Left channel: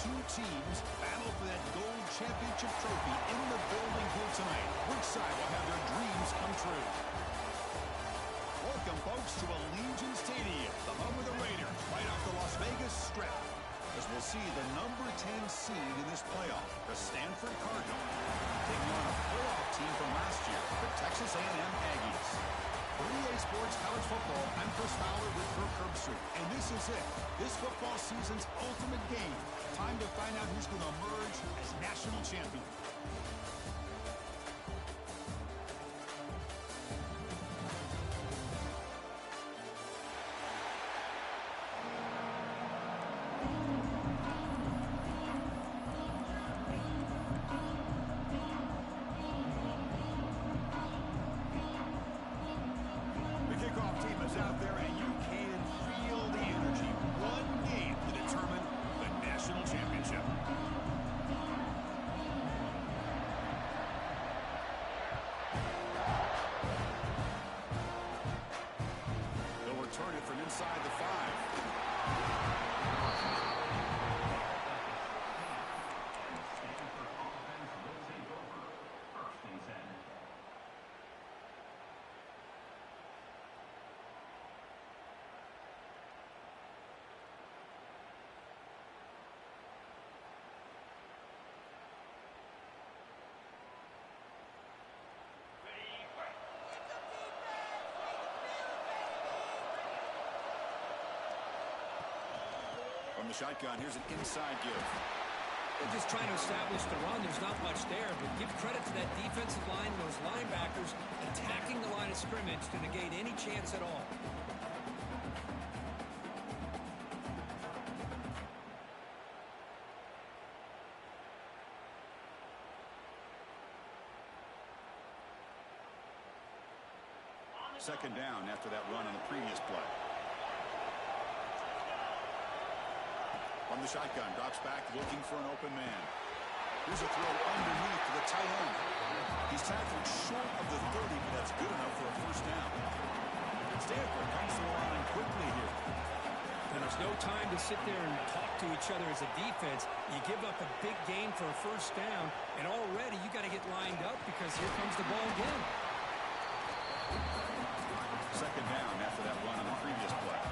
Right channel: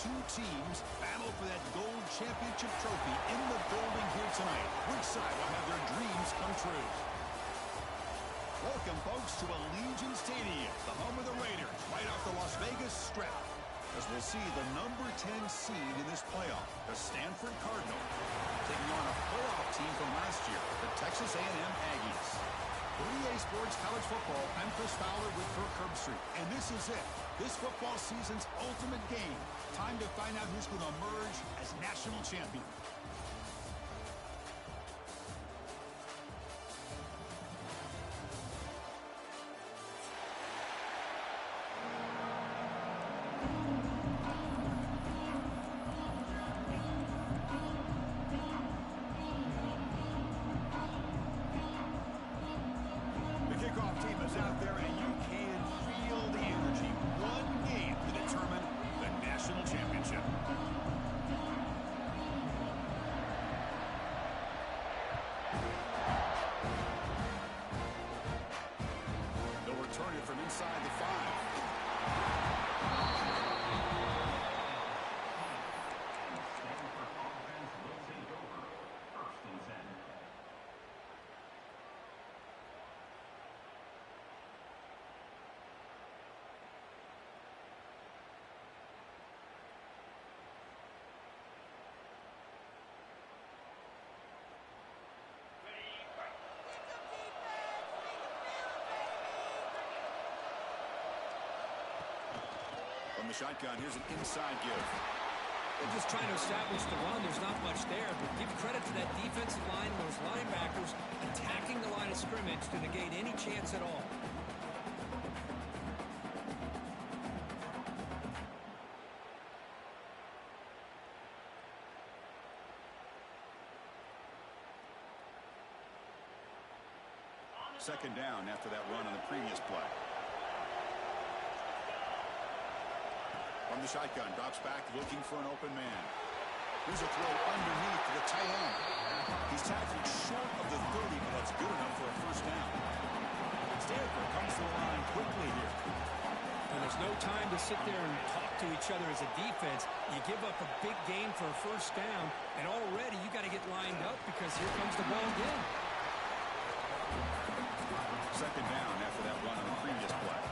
two teams battle for that gold championship trophy in the building here tonight. Which side will have their dreams come true? Welcome, folks, to Allegiant Stadium, the home of the Raiders, right off the Las Vegas Strip. As we'll see the number 10 seed in this playoff, the Stanford Cardinal, taking on a playoff team from last year, the Texas A&M Aggies. For EA Sports College Football, I'm Chris Fowler with Kirk Herbstreit, and this is it. This football season's ultimate game. Time to find out who's going to emerge as national champion. From inside the 5. Stanford offense will take over. 1st and 10. From the shotgun, here's an inside give. They're just trying to establish the run. There's not much there, but give credit to that defensive line and those linebackers attacking the line of scrimmage to negate any chance at all. Second down after that run on the previous play. From the shotgun, drops back, looking for an open man. Here's a throw underneath to the tight end. He's tackled short of the 30, but that's good enough for a first down. Stanford comes to the line quickly here. And there's no time to sit there and talk to each other as a defense. You give up a big gain for a first down, and already you got to get lined up because here comes the ball again. Second down after that run on the previous play.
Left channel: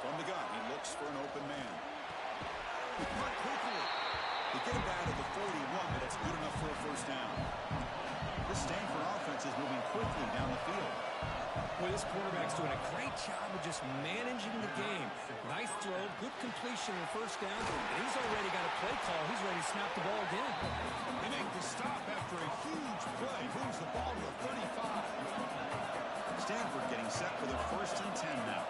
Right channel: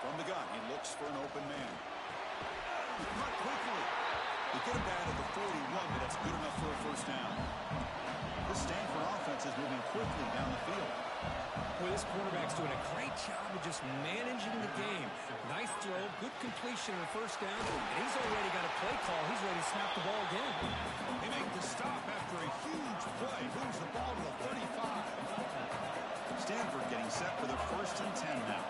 From the gun, he looks for an open man. Cut quickly. They get him down to the 41, but that's good enough for a first down. This Stanford offense is moving quickly down the field. Well, this quarterback's doing a great job of just managing the game. Nice throw, good completion on the first down, and he's already got a play call. He's ready to snap the ball again. They make the stop after a huge play. Moves the ball to the 35. Stanford getting set for their 1st and 10 now.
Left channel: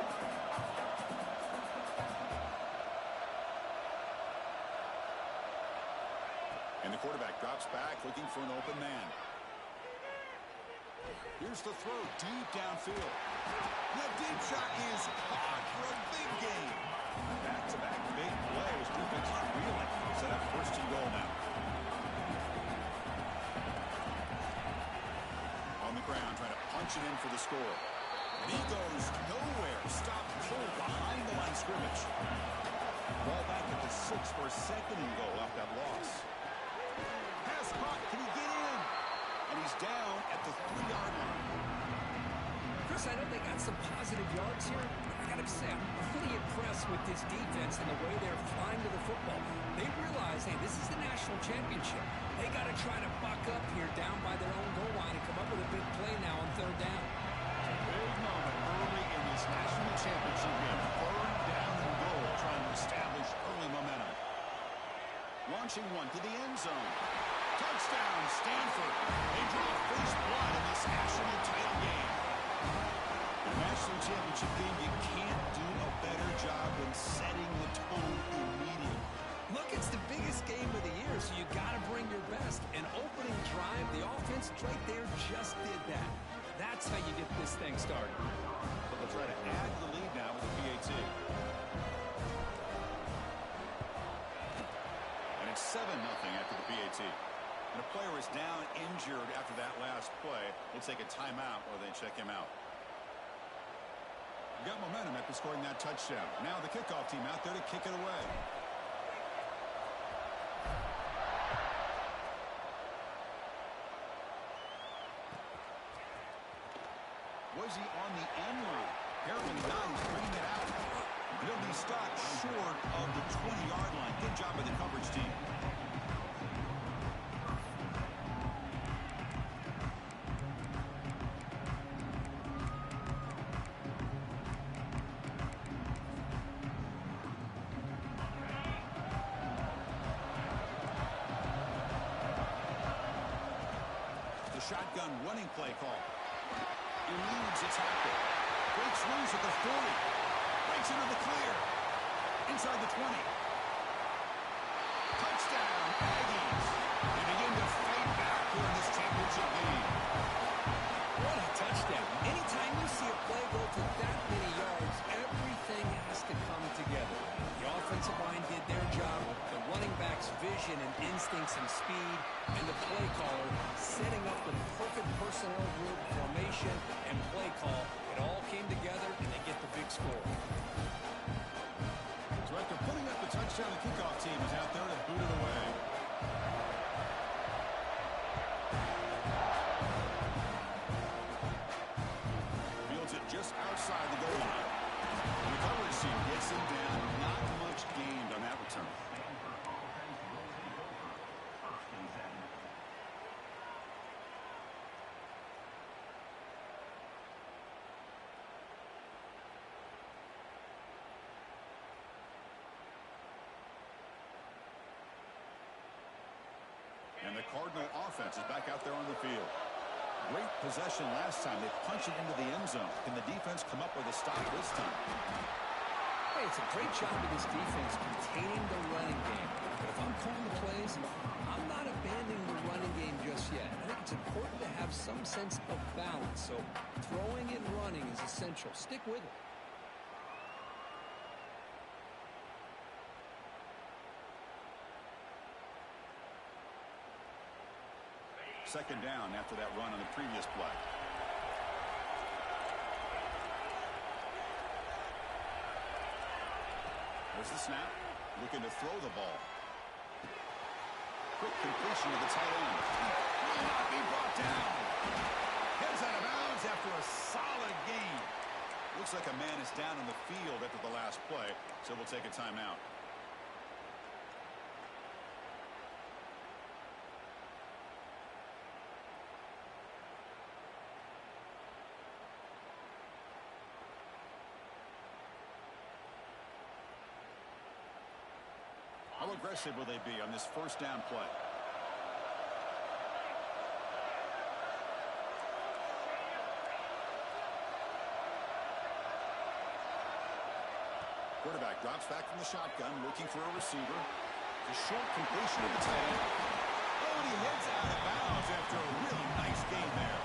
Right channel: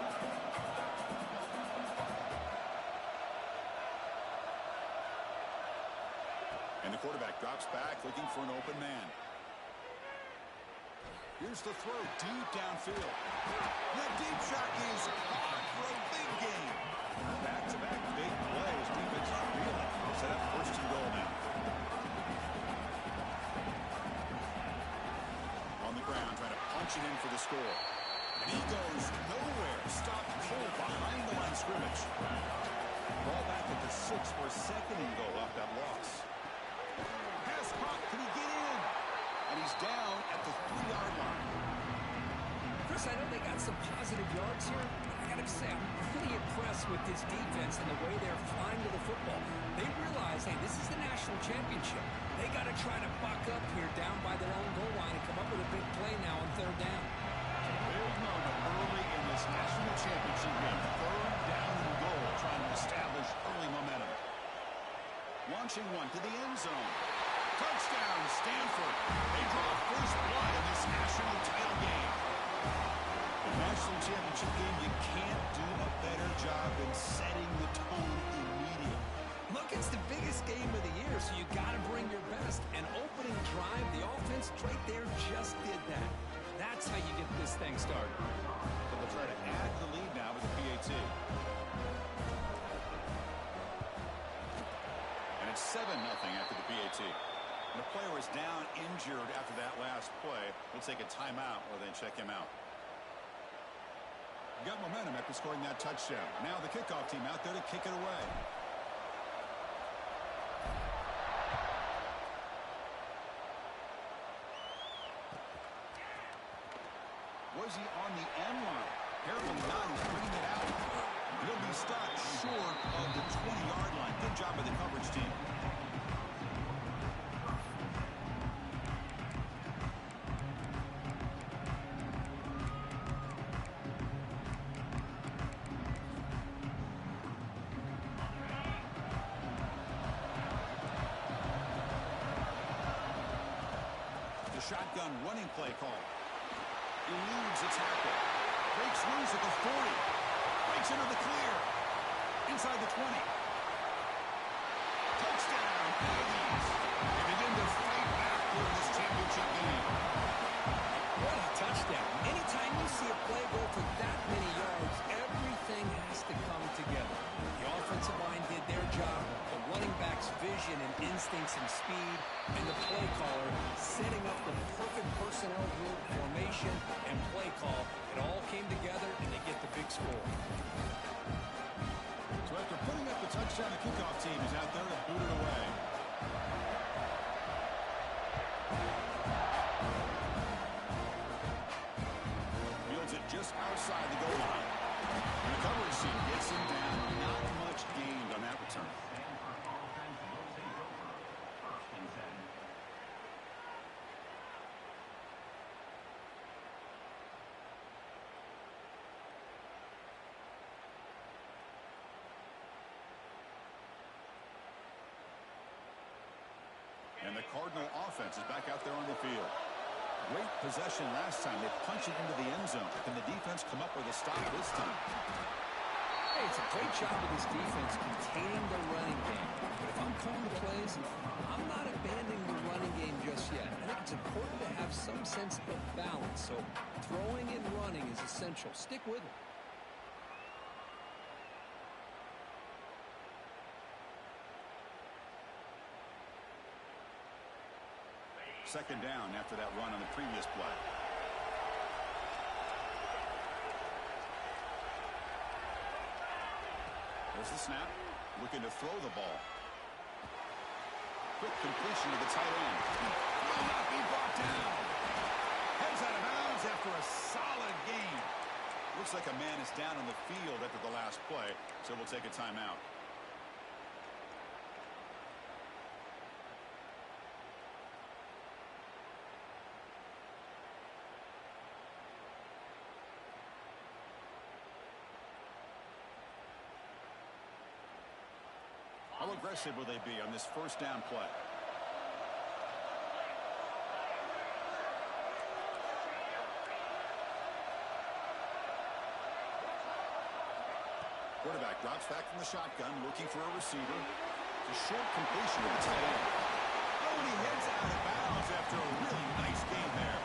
And the quarterback drops back, looking for an open man. Here's the throw deep downfield. That deep shot is caught for a big gain. Back-to-back big plays. Defense is reeling. Set up 1st and goal now. On the ground, trying to punch it in for the score. And he goes nowhere. Stopped cold behind the line of scrimmage. Ball back at the 6 for a 2nd and goal off that loss. Pass caught. Can he get in? And he's down at the 3-yard line. Chris, I know they got some positive yards here, but I got to say, I'm really impressed with this defense and the way they're flying to the football. They realize, hey, this is the national championship. They got to try to buck up here down by their own goal line and come up with a big play now on 3rd down. It's a big moment early in this national championship game. 3rd down and goal, trying to establish early momentum. Launching one to the end zone. Touchdown, Stanford. They draw first blood in this national title game. In a national championship game, you can't do a better job than setting the tone immediately. Look, it's the biggest game of the year, so you got to bring your best. An opening drive, the offense right there just did that. That's how you get this thing started. So they'll try to add to the lead now with the PAT. And it's 7-0 after the PAT. And a player is down injured after that last play. We'll take a timeout or then check him out. got momentum after scoring that touchdown. Now the kickoff team out there to kick it away. Was he on the end line? Apparently not. He's bringing it out. He'll be stopped short of the 20-yard line. Good job by the coverage team. The shotgun running play call. Eludes a tackle. Breaks loose at the 40. Breaks into the clear. Inside the 20. Touchdown, Aggies. They begin to fight back here in this championship game. What a touchdown. Anytime you see a play go for that many yards, everything has to come together. The offensive line did their job, the running back's vision and instincts and speed, and the play caller setting up the perfect personnel group, formation, and play call. It all came together, and they get the big score. So after putting up the touchdown, the kickoff team is out there to boot it away. Fields it just outside the goal line. And the coverage team gets him down. Not much gained on that return. Stanford offense will take over. First and 10. And the Cardinal offense is back out there on the field. Great possession last time. They punch it into the end zone. Can the defense come up with a stop this time? Hey, it's a great job of this defense containing the running game. But if I'm calling the plays, I'm not abandoning the running game just yet. I think it's important to have some sense of balance. So throwing and running is essential. Stick with it. Second down after that run on the previous play. There's the snap. Looking to throw the ball. Quick completion to the tight end. Will not be brought down. Heads out of bounds after a solid game. Looks like a man is down on the field after the last play, so we'll take a timeout. How aggressive will they be on this first down play? Quarterback drops back from the shotgun, looking for a receiver. It's a short completion of the tight end. Oh, and he heads out of bounds after a really nice game there.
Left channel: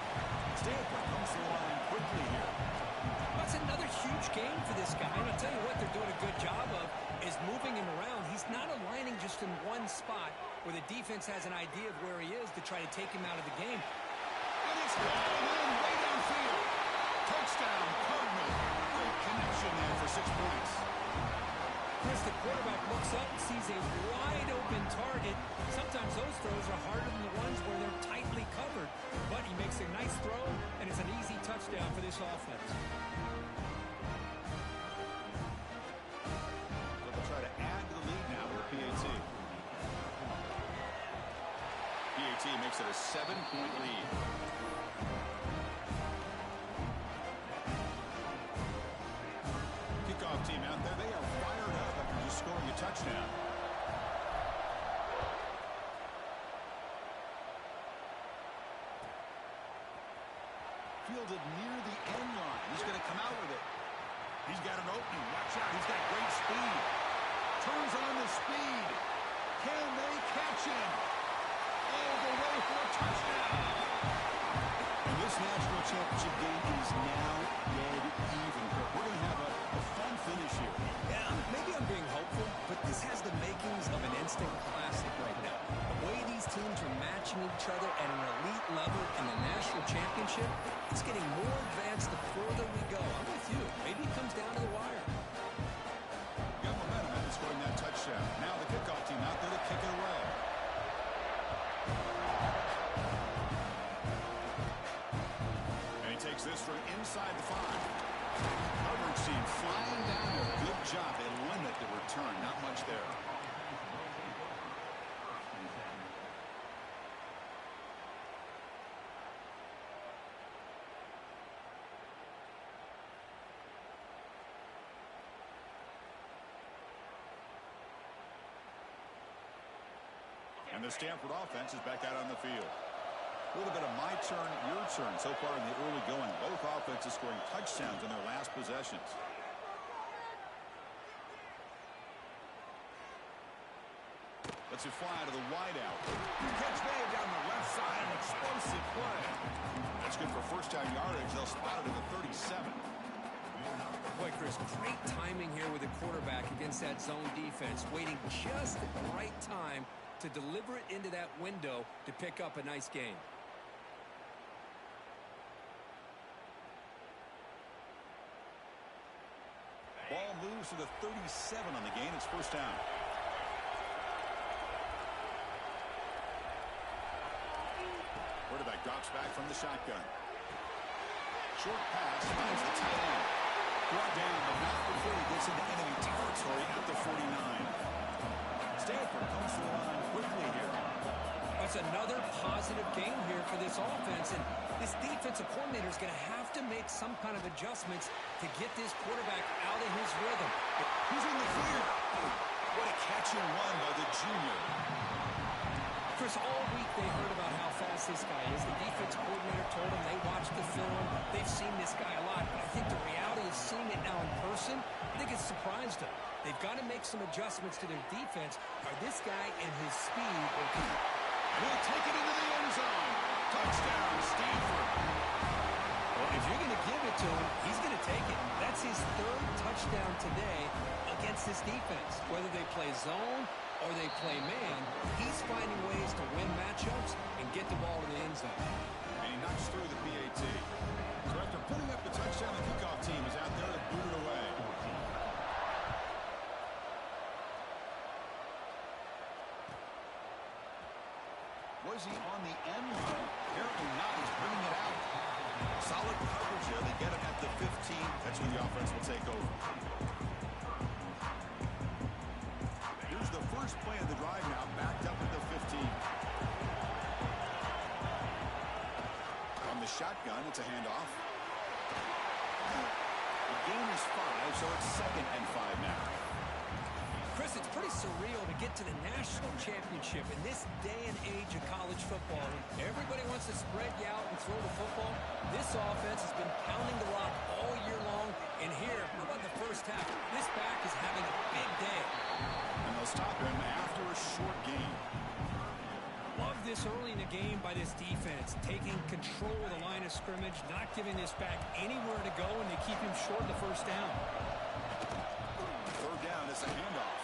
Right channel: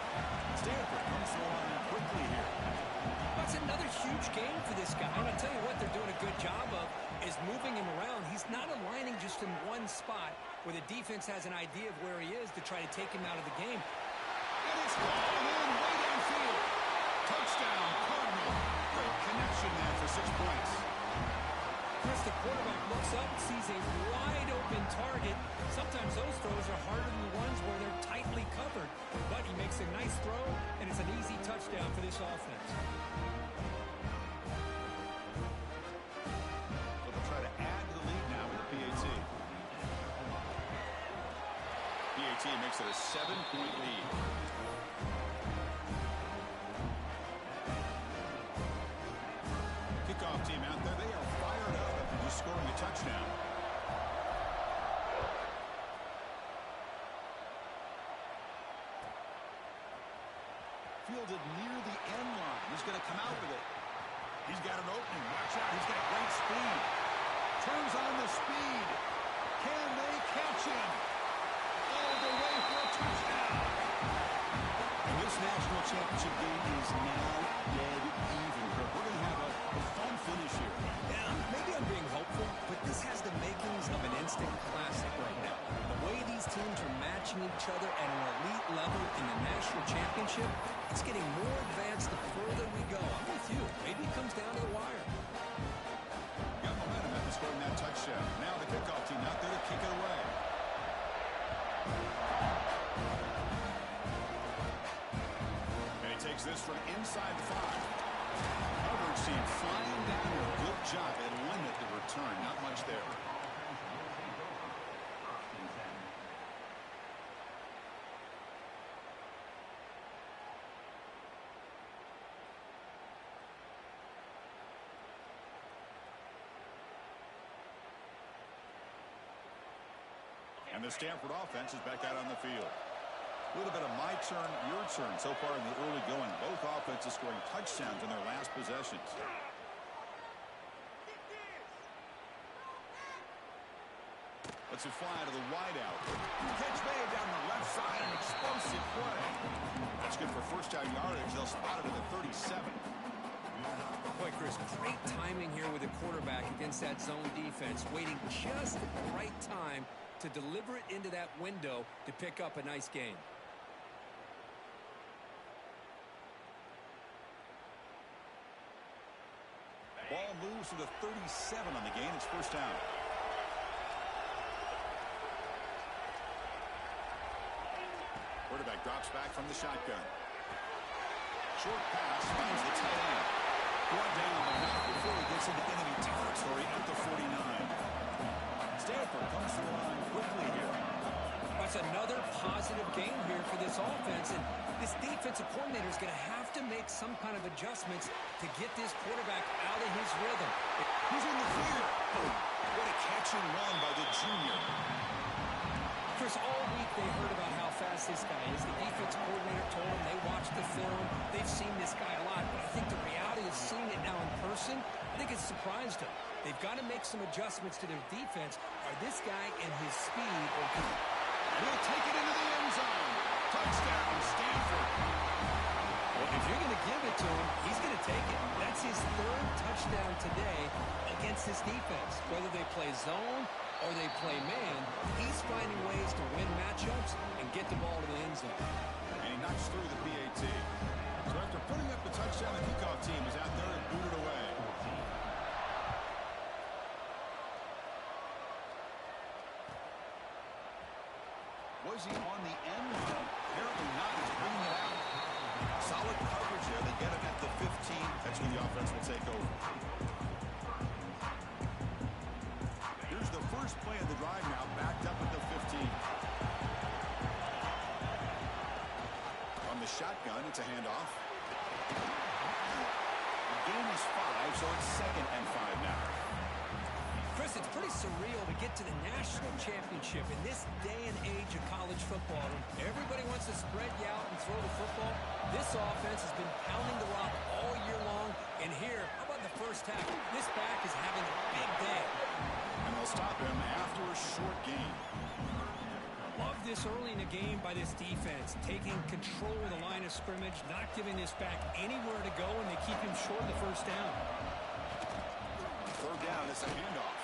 Stanford comes to the line quickly here. That's another huge game for this guy. And I'll tell you what they're doing a good job of is moving him around. He's not aligning just in one spot where the defense has an idea of where he is to try to take him out of the game. And it's falling in way downfield. Touchdown, Cardinal. Great connection there for 6 points. Chris, the quarterback looks up, sees a wide-open target. Sometimes those throws are harder than the ones where they're tightly covered. But he makes a nice throw, and it's an easy touchdown for this offense. So they'll try to add to the lead now with the PAT. PAT makes it a 7-point lead. Kickoff team out there, they are fired up after just scoring a touchdown. Fielded near the end line. He's going to come out with it. He's got an opening. Watch out. He's got great speed. Turns on the speed. Can they catch him? All the way for a touchdown. And this national championship game is now dead even, Kirk. We're going to have a fun finish here. Yeah, maybe I'm being hopeful, but this has the makings of an instant classic right now. The way these teams are matching each other at an elite level in the national championship, it's getting more advanced the further we go. I'm with you. Maybe it comes down kick it away. And he takes this from inside the 5. Coverage team flying down there. Good job. They limit the return. Not much there. And the Stanford offense is back out on the field. A little bit of my turn, your turn so far in the early going. Both offenses scoring touchdowns in their last possessions. Let's it fly to the wideout. Catch made down the left side, an explosive play. That's good for first down yardage. They'll spot it at the 37. Boy, Chris, great timing here with the quarterback against that zone defense, waiting just at the right time to deliver it into that window to pick up a nice gain. Ball moves to the 37 on the gain. It's first down. Quarterback drops back from the shotgun. Short pass finds the tight end. Brought down, but not before he gets into enemy territory at the 49. Stanford comes to the line quickly here. That's another positive game here for this offense, and this defensive coordinator is going to have to make some kind of adjustments to get this quarterback out of his rhythm. He's in the clear. Oh, what a catch and run by the junior. Chris, all week they heard about how fast this guy is. The defense coordinator told them they watched the film. They've seen this guy a lot, but I think the reality of seeing it now in person, I think it's surprised them. They've got to make some adjustments to their defense. Are this guy and his speed okay? And he'll take it into the end zone. Touchdown, Stanford. Well, if you're going to give it to him, he's going to take it. That's his 3rd touchdown today against this defense. Whether they play zone or they play man, he's finding ways to win matchups and get the ball to the end zone. And he knocks through the PAT. So after putting up the touchdown, the kickoff team is out there to boot it away. Was he on the end line? Apparently not. He's bringing it out. Solid coverage there. They get him at the 15. That's where the offense will take over. Here's the first play of the drive now, backed up at the 15. From the shotgun, it's a handoff. The gain is 5, so it's 2nd and 5 now. Chris, it's pretty surreal to get to the national championship in this day and age of college football. Everybody wants to spread you out and throw the football. This offense has been pounding the rock all year long. And here, how about the first half? This back is having a big day. And they'll stop him after a short gain. Love this early in the game by this defense, taking control of the line of scrimmage, not giving this back anywhere to go, and they keep him short of the first down. 3rd down, it's a handoff.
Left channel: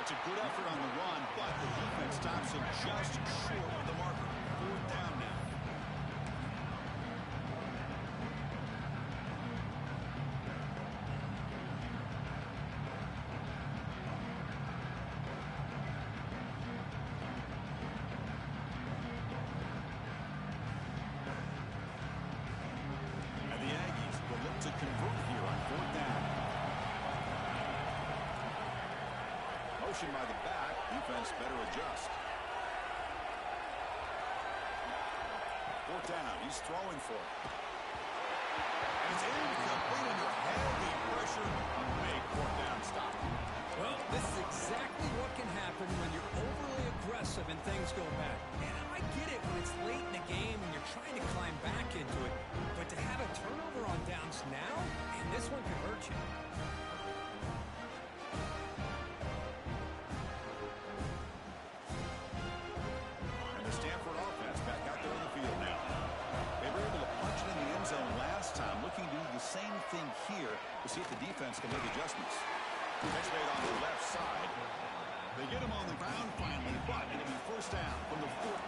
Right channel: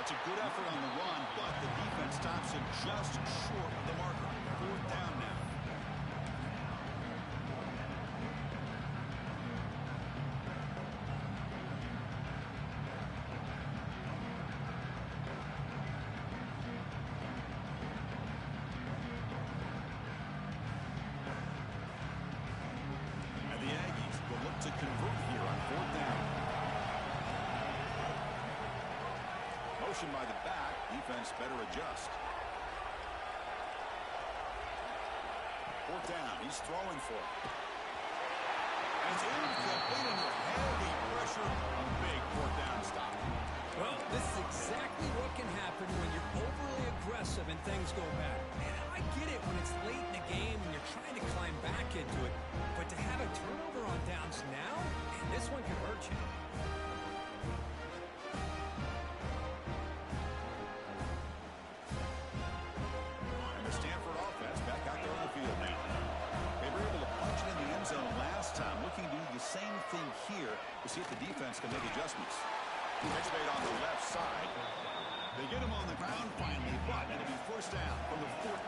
It's a good effort on the run, but the defense stops him just short of the marker. 4th down now. And the Aggies will look to convert here on 4th down. Motion by the back. Defense better adjust. 4th down. He's throwing for it. And it's incomplete under heavy pressure. A big 4th down stop. Well, this is exactly what can happen when you're overly aggressive and things go bad. And I get it when it's late in the game and you're trying to climb back into it. But to have a turnover on downs now, and this one could hurt you. Stanford offense back out there on the field now. They were able to punch it in the end zone last time, looking to do the same thing here to see if the defense can make adjustments. Catch made on the left side. They get him on the ground finally, but it'll be first down from the 14.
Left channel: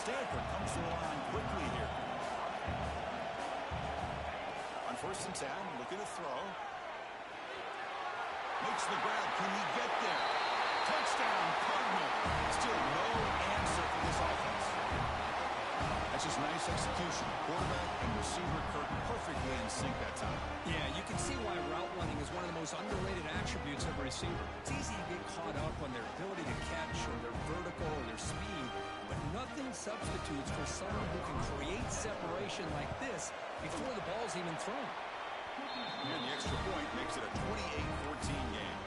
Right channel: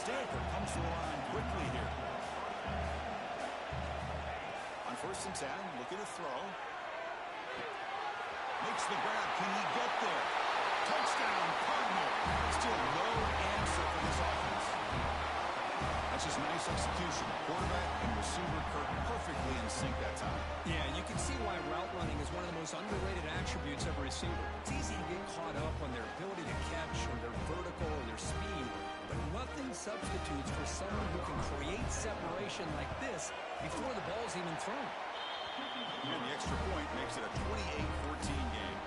Stanford comes to the line quickly here. On 1st and 10, looking to throw. Makes the grab. Can he get there? Touchdown, Cardinal. Still no answer for this offense. That's just nice execution. Quarterback and receiver Kirk perfectly in sync that time. Yeah, you can see why route running is one of the most underrated attributes of a receiver. It's easy to get caught up on their ability to catch or their vertical or their speed, but nothing substitutes for someone who can create separation like this before the ball's even thrown. And the extra point makes it a 28-14 game.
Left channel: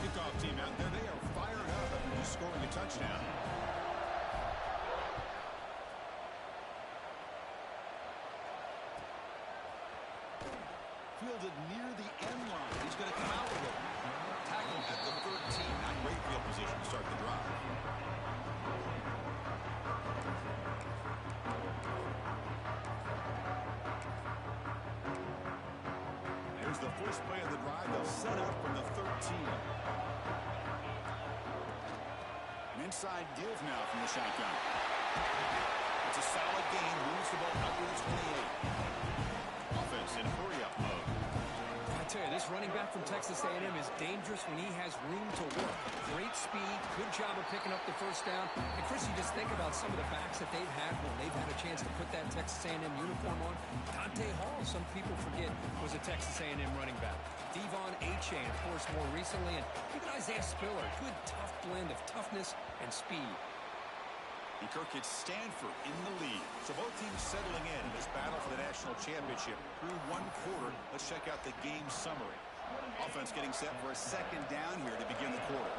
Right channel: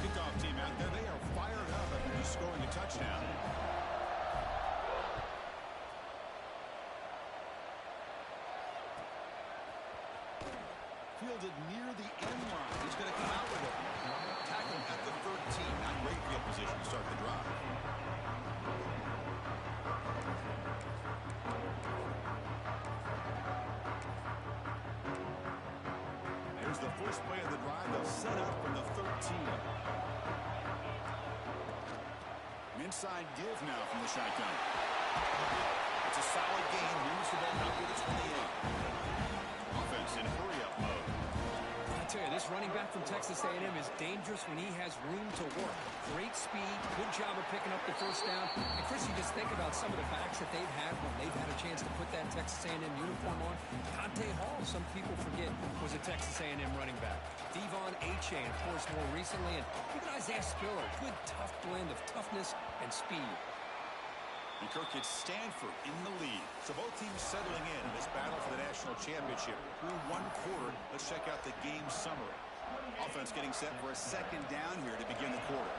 Kickoff team out there, they are fired up after just scoring a touchdown. Fielded near the end line. He's going to come out with it. Tackled at the 13. Not great field position to start the drive. Here's the first play of the drive. They'll set up from the 13. An inside give now from the shotgun. It's a solid gain. Moves the ball out to the 28. Offense in hurry-up mode. I tell you, this running back from Texas A&M is dangerous when he has room to work. Great speed, good job of picking up the first down. And Chris, you just think about some of the backs that they've had when they've had a chance to put that Texas A&M uniform on. Dante Hall, some people forget, was a Texas A&M running back. Devon Achane, of course, more recently. And even Isaiah Spiller, good, tough blend of toughness and speed. And Kirk hits Stanford in the lead. So both teams settling in this battle for the national championship through one quarter. Let's check out the game summary. Offense getting set for a second down here to begin the quarter.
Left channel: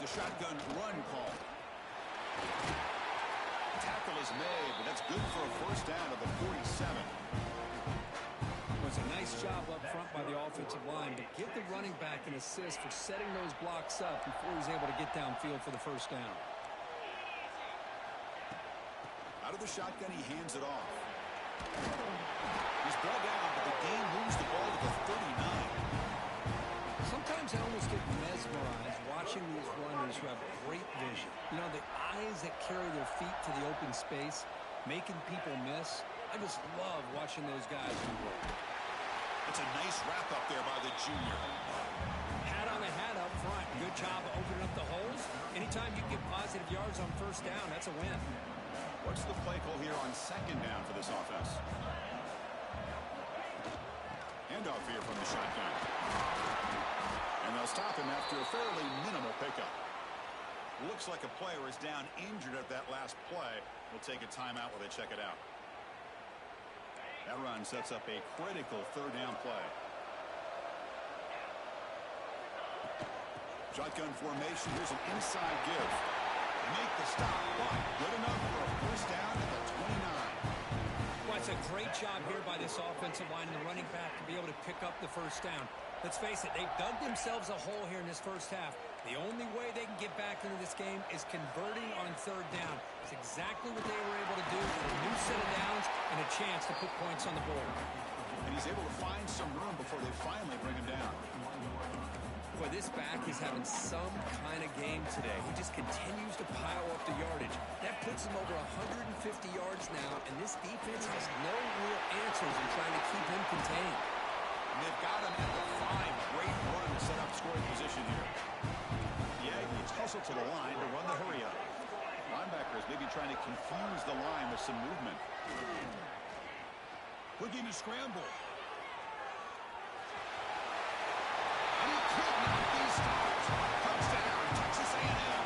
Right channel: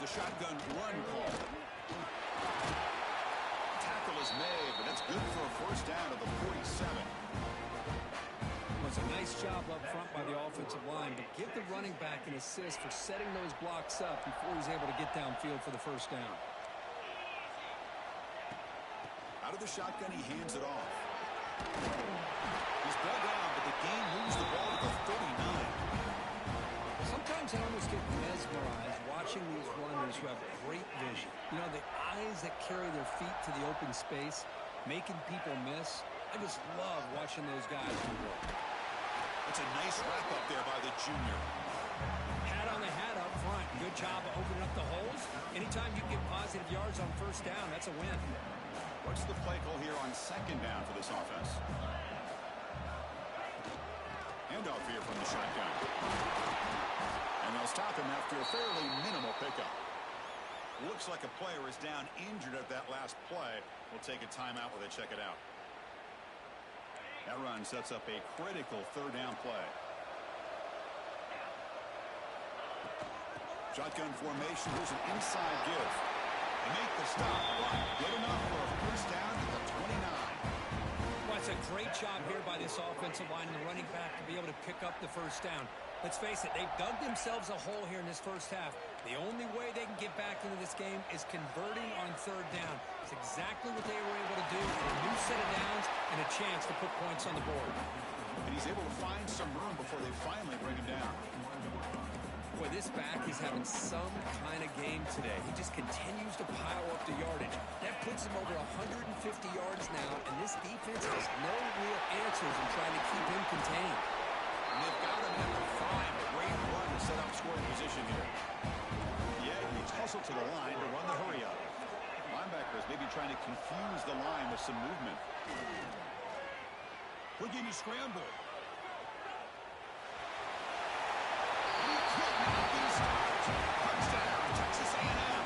It's a shotgun run call. Tackle is made, but that's good for a first down to the 47. Was a nice job up front by the offensive line, but give the running back an assist for setting those blocks up before he's able to get downfield for the first down. Out of the shotgun, he hands it off. He's brought down, but the game moves the ball to the 39. Sometimes I almost get mesmerized watching these runners who have great vision. You know, the eyes that carry their feet to the open space, making people miss. I just love watching those guys do work. That's a nice wrap up there by the junior. Hat on the hat up front. Good job of opening up the holes. Anytime you get positive yards on first down, that's a win. What's the play call here on second down for this offense? Handoff here from the shotgun. And they'll stop him after a fairly minimal pickup. Looks like a player is down injured at that last play. We'll take a timeout while they check it out. That run sets up a critical third down play. Shotgun formation. Here's an inside give. They make the stop, but good enough for a first down at the 29. Well, it's a great job here by this offensive line and the running back to be able to pick up the first down. Let's face it, they've dug themselves a hole here in this first half. The only way they can get back into this game is converting on third down. It's exactly what they were able to do with a new set of downs and a chance to put points on the board. And he's able to find some room before they finally bring him down. Boy, this back is having some kind of game today. He just continues to pile up the yardage. That puts him over 150 yards now, and this defense has no real answers in trying to keep him contained. And they've got him at the 5. A great run to set up scoring position here. The Aggies hustle to the line to run the hurry up. Linebackers maybe trying to confuse the line with some movement. Quick game to scramble. And he could not be stopped. Touchdown, Texas A&M.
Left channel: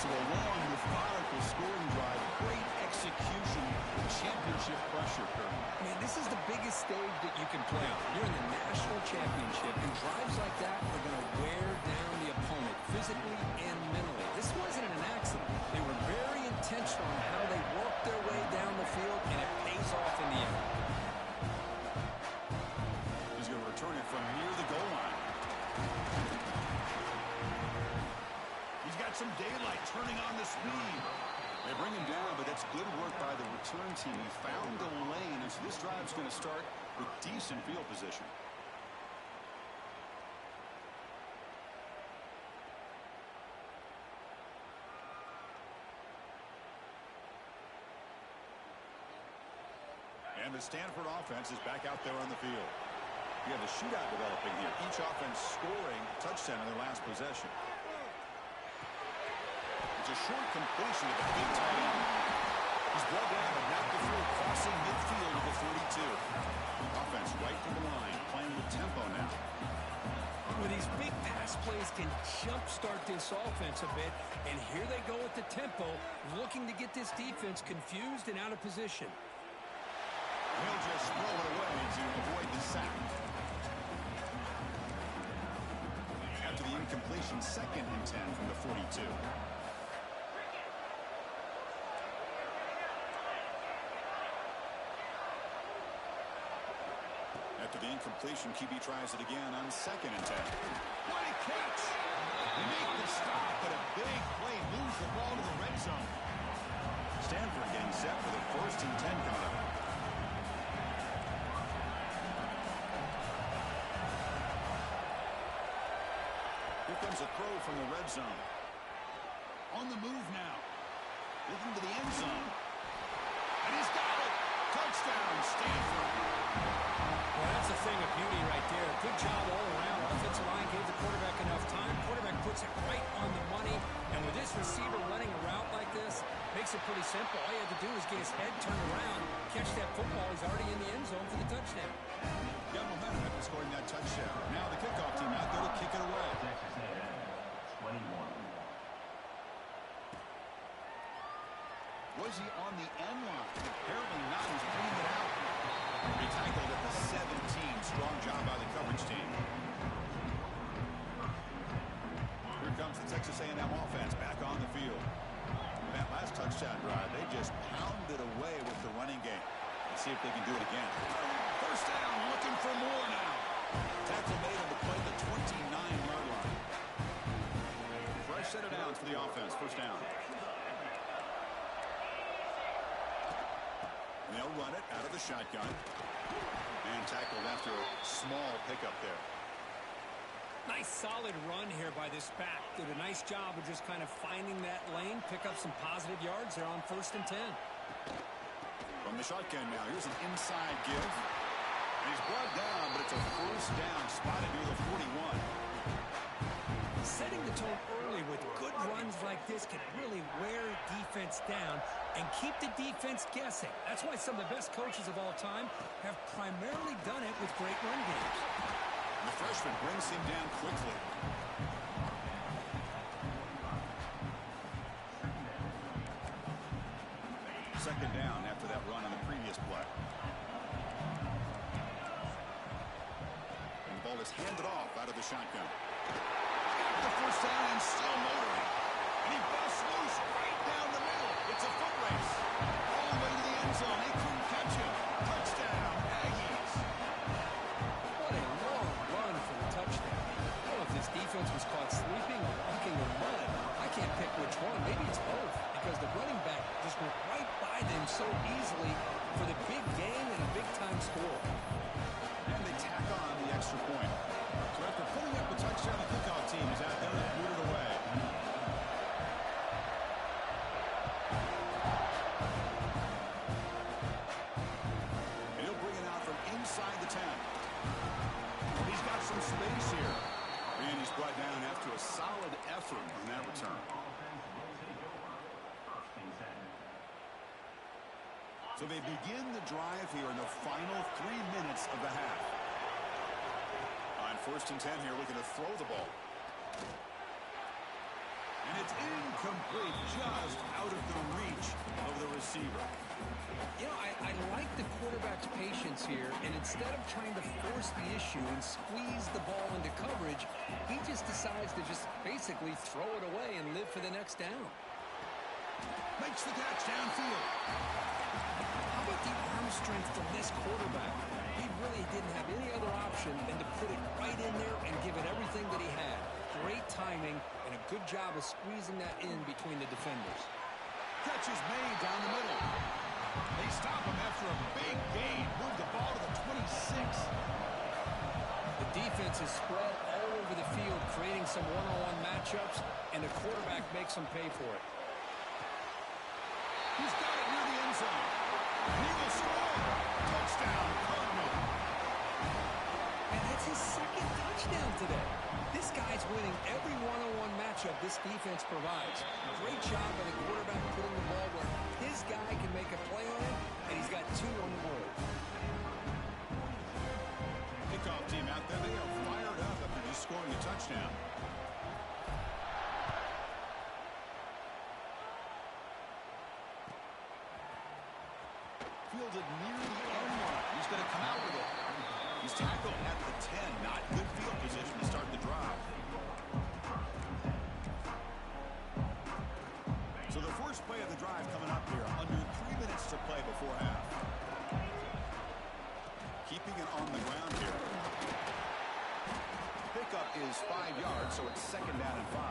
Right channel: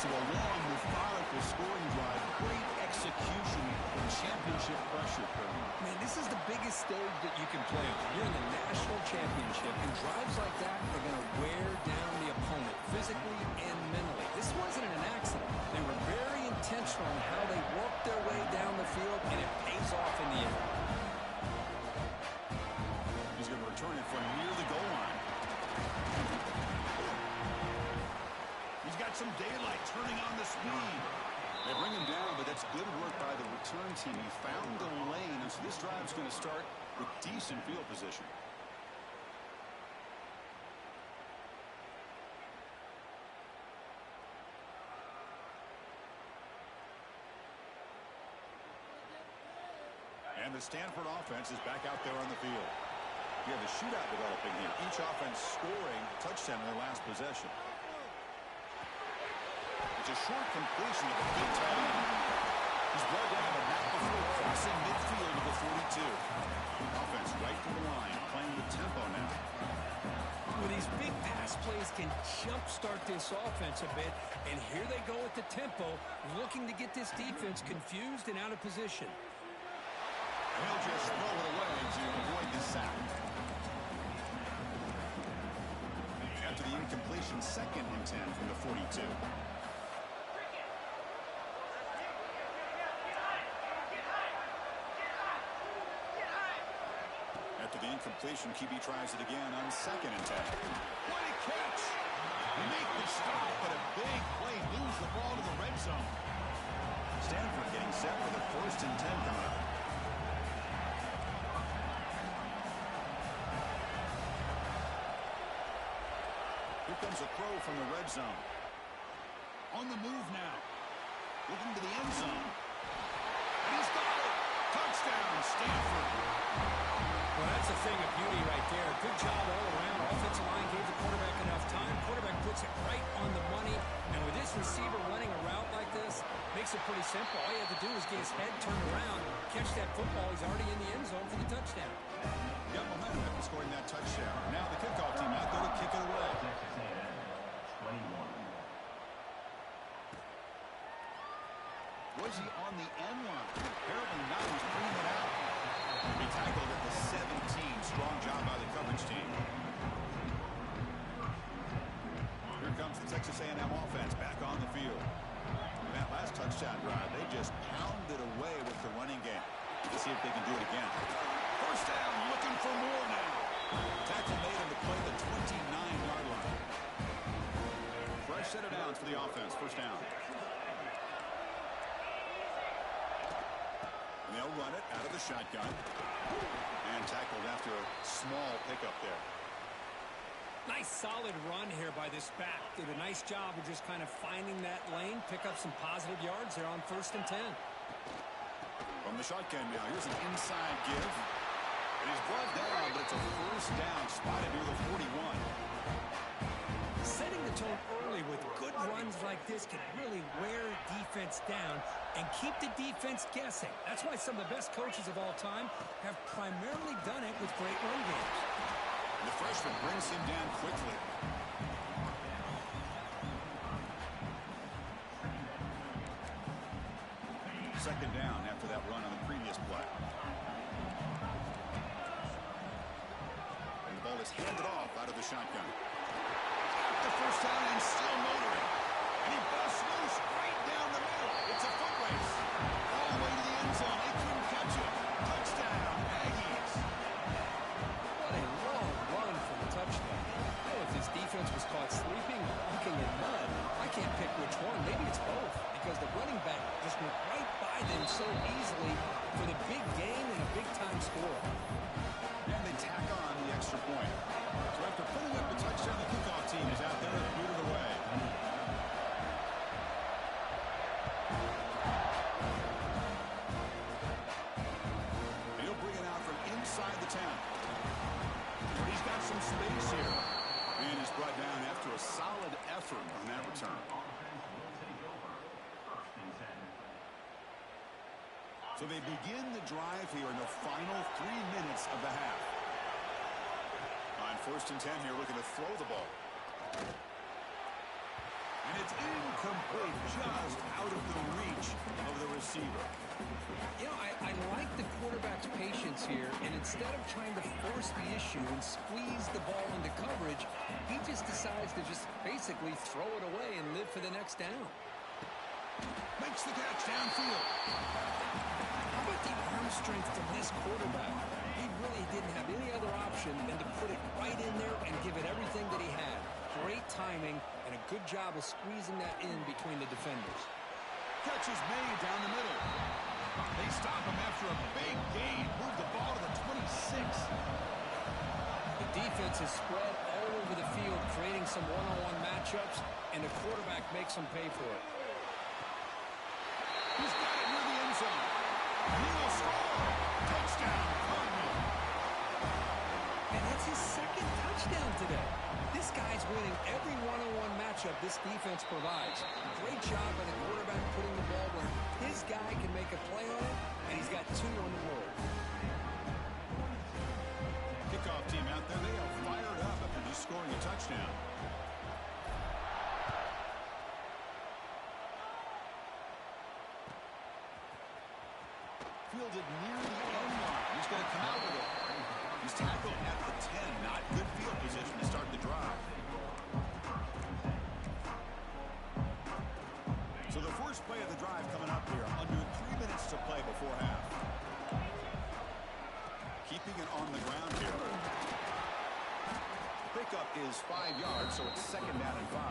So a long, methodical scoring drive. Great execution and championship pressure, Kirk. Man, this is the biggest stage that you can play on. You're in the national championship, and drives like that are going to wear down the opponent physically and mentally. This wasn't an accident. They were very intentional on how they worked their way down the field, and it pays off in the end. He's going to return it from near the goal line. He's got some daylight turning on the speed. They bring him down, but that's good work by the return team. He found the lane, and so this drive's going to start with decent field position. And And the Stanford offense is back out there on the field. You have a shootout developing here. Each offense scoring a touchdown in their last possession. It's a short completion to the big tight end. He's brought down, but not before crossing midfield of the 42. Offense right to the line, playing with tempo now. Well, these big pass plays can jumpstart this offense a bit, and here they go with the tempo, looking to get this defense confused and out of position. And he'll just throw it away to avoid the sack. After the incompletion, 2nd and 10 from the 42. After the incompletion, QB tries it again on 2nd and 10. What a catch! They make the stop, but a big play moves the ball to the red zone. Stanford getting set for the 1st and 10 coming up. Here comes a throw from the red zone. On the move now. Looking to the end zone. And he's got it! Touchdown, Stanford! Well, that's a thing of beauty right there. Good job all around. Offensive line gave the quarterback enough time. Quarterback puts it right on the money. And with this receiver running a route like this, makes it pretty simple. All you have to do is get his head turned around, catch that football. He's already in the end zone for the touchdown. Got momentum after scoring that touchdown. Now the kickoff team out there to kick it away. Texas A&M, 21. Was he on the end line? Apparently not. He's bringing it out. He tackled at the 17. Strong job by the coverage team. Here comes the Texas A&M offense back on the field. In that last touchdown drive, they just pounded away with the running game. Let's see if they can do it again. First down, looking for more now. Tackle made on the play, the 29-yard line. Fresh set of downs for the offense. First down. And they'll run it out of the shotgun. And tackled after a small pickup there. Nice solid run here by this back. Did a nice job of just kind of finding that lane, pick up some positive yards there on 1st and 10. From the shotgun now, here's an inside give. And he's brought down, but it's a first down spotted near the 41. Setting the tone early with good runs like this can really wear defense down and keep the defense guessing. That's why some of the best coaches of all time have primarily done it with great run games. And the freshman brings him down quickly. Second down after that run on the previous play. And the ball is handed off out of the shotgun. Got the first down and still motoring. And he busts loose right down the middle. It's a foot race. All the way to the end zone. They couldn't catch him. Touchdown, Aggies. What a long run for the touchdown. I don't know if this defense was caught sleeping or walking in mud. I can't pick which one. Maybe it's both, because the running back just went right by them so easily for the big gain and a big-time score. And they tack on the extra point. So after putting up the touchdown, the kickoff team is out there and booted away. And he'll bring it out from inside the 10. He's got some space here. And he's brought down after a solid effort on that return. Offense will take over. 1st and 10. So they begin the drive here in the final 3 minutes of the half. On 1st and 10 here, looking to throw the ball. And it's incomplete, just out of the reach of the receiver. You know, I like the quarterback's patience here, and instead of trying to force the issue and squeeze the ball into coverage, he just decides to just basically throw it away and live for the next down. Makes the catch downfield. How about the arm strength from this quarterback? He really didn't have any other option than to put it right in there and give it everything that he had. Great timing and a good job of squeezing that in between the defenders. Catch is made down the middle. They stop him after a big gain. Move the ball to the 26. The defense is spread all over the field, creating some one-on-one matchups, and the quarterback makes them pay for it. He's got it near the end zone. And he will score. And that's his second touchdown today. This guy's winning every one-on-one matchup this defense provides. Great job by the quarterback putting the ball where his guy can make a play on it, and he's got 2 on the board. Kickoff team out there, they are fired up after just scoring a touchdown. Fielded near the end line. He's going to come out with it. He's tackled at the 10. Not good field position to start the drive. So the first play of the drive coming up here. Under 3 minutes to play before half. Keeping it on the ground here. Pickup is 5 yards, so it's 2nd down and 5.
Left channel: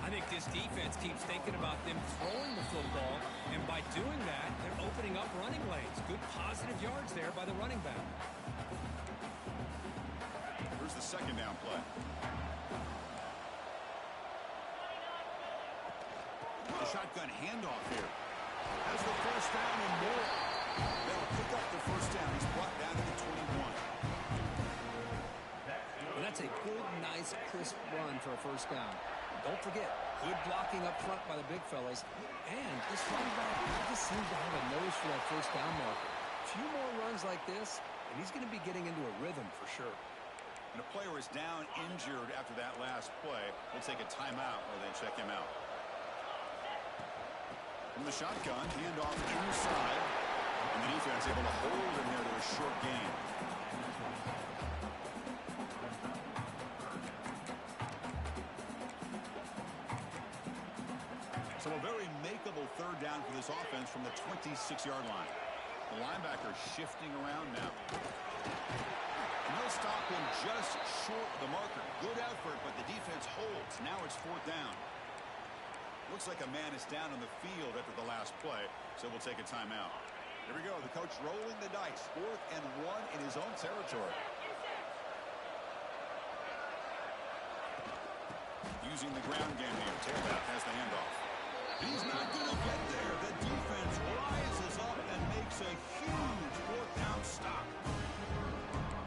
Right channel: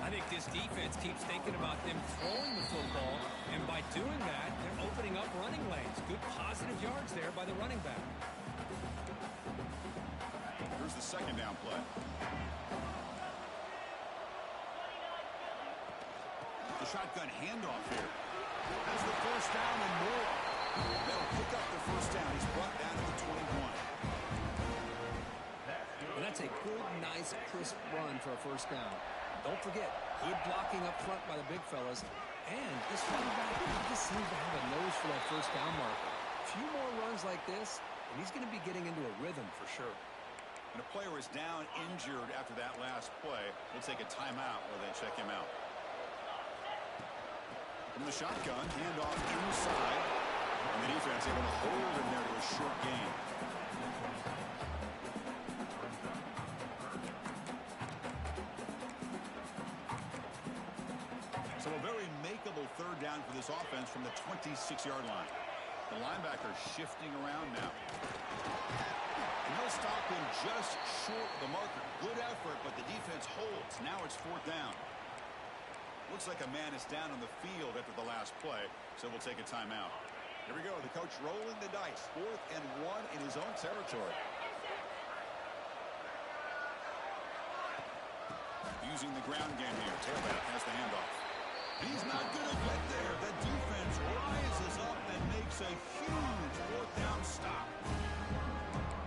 I think this defense keeps thinking about them throwing the football, and by doing that, they're opening up running lanes. Good positive yards there by the running back. Here's the 2nd down play. The shotgun handoff here. Has the 1st down and more. That'll pick up the 1st down. He's brought down to the 21. And that's a good, nice, crisp run for a 1st down. Don't forget, good blocking up front by the big fellas. And this running back just seems to have a nose for that 1st down marker. A few more runs like this, and he's going to be getting into a rhythm for sure. And a player is down injured after that last play. We'll take a timeout while they check him out. From the shotgun, handoff inside. And the defense able to hold him there to a short gain. So a very makeable 3rd down for this offense from the 26-yard line. The linebacker shifting around now. And they'll stop him just short of the marker. Good effort, but the defense holds. Now it's 4th down. Looks like a man is down on the field after the last play, so we'll take a timeout. Here we go. The coach rolling the dice. 4th and 1 in his own territory. Using the ground game here. Tailback has the handoff. He's not going to get there. The defense rises up and makes a huge 4th down stop.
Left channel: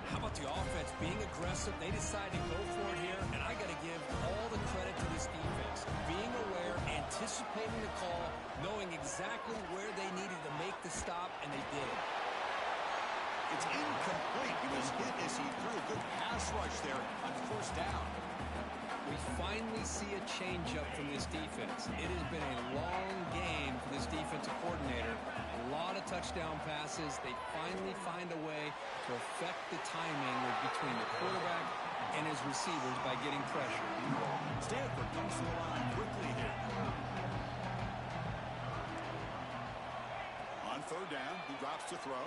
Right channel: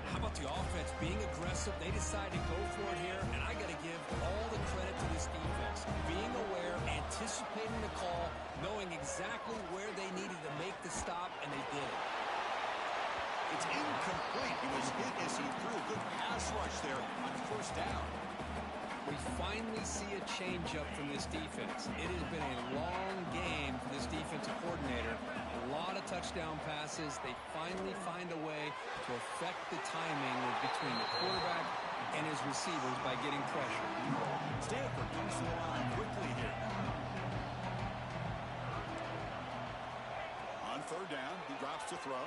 How about the offense being aggressive? They decide to go for it here, and I got to give all the credit to this defense. Being aware, anticipating the call, knowing exactly where they needed to make the stop, and they did it. It's incomplete. He was hit as he threw. Good pass rush there on 1st down. We finally see a change-up from this defense. It has been a long game for this defensive coordinator. A lot of touchdown passes. They finally find a way to affect the timing between the quarterback and his receivers by getting pressure. Stanford comes to the line quickly here. On 3rd down, he drops to throw.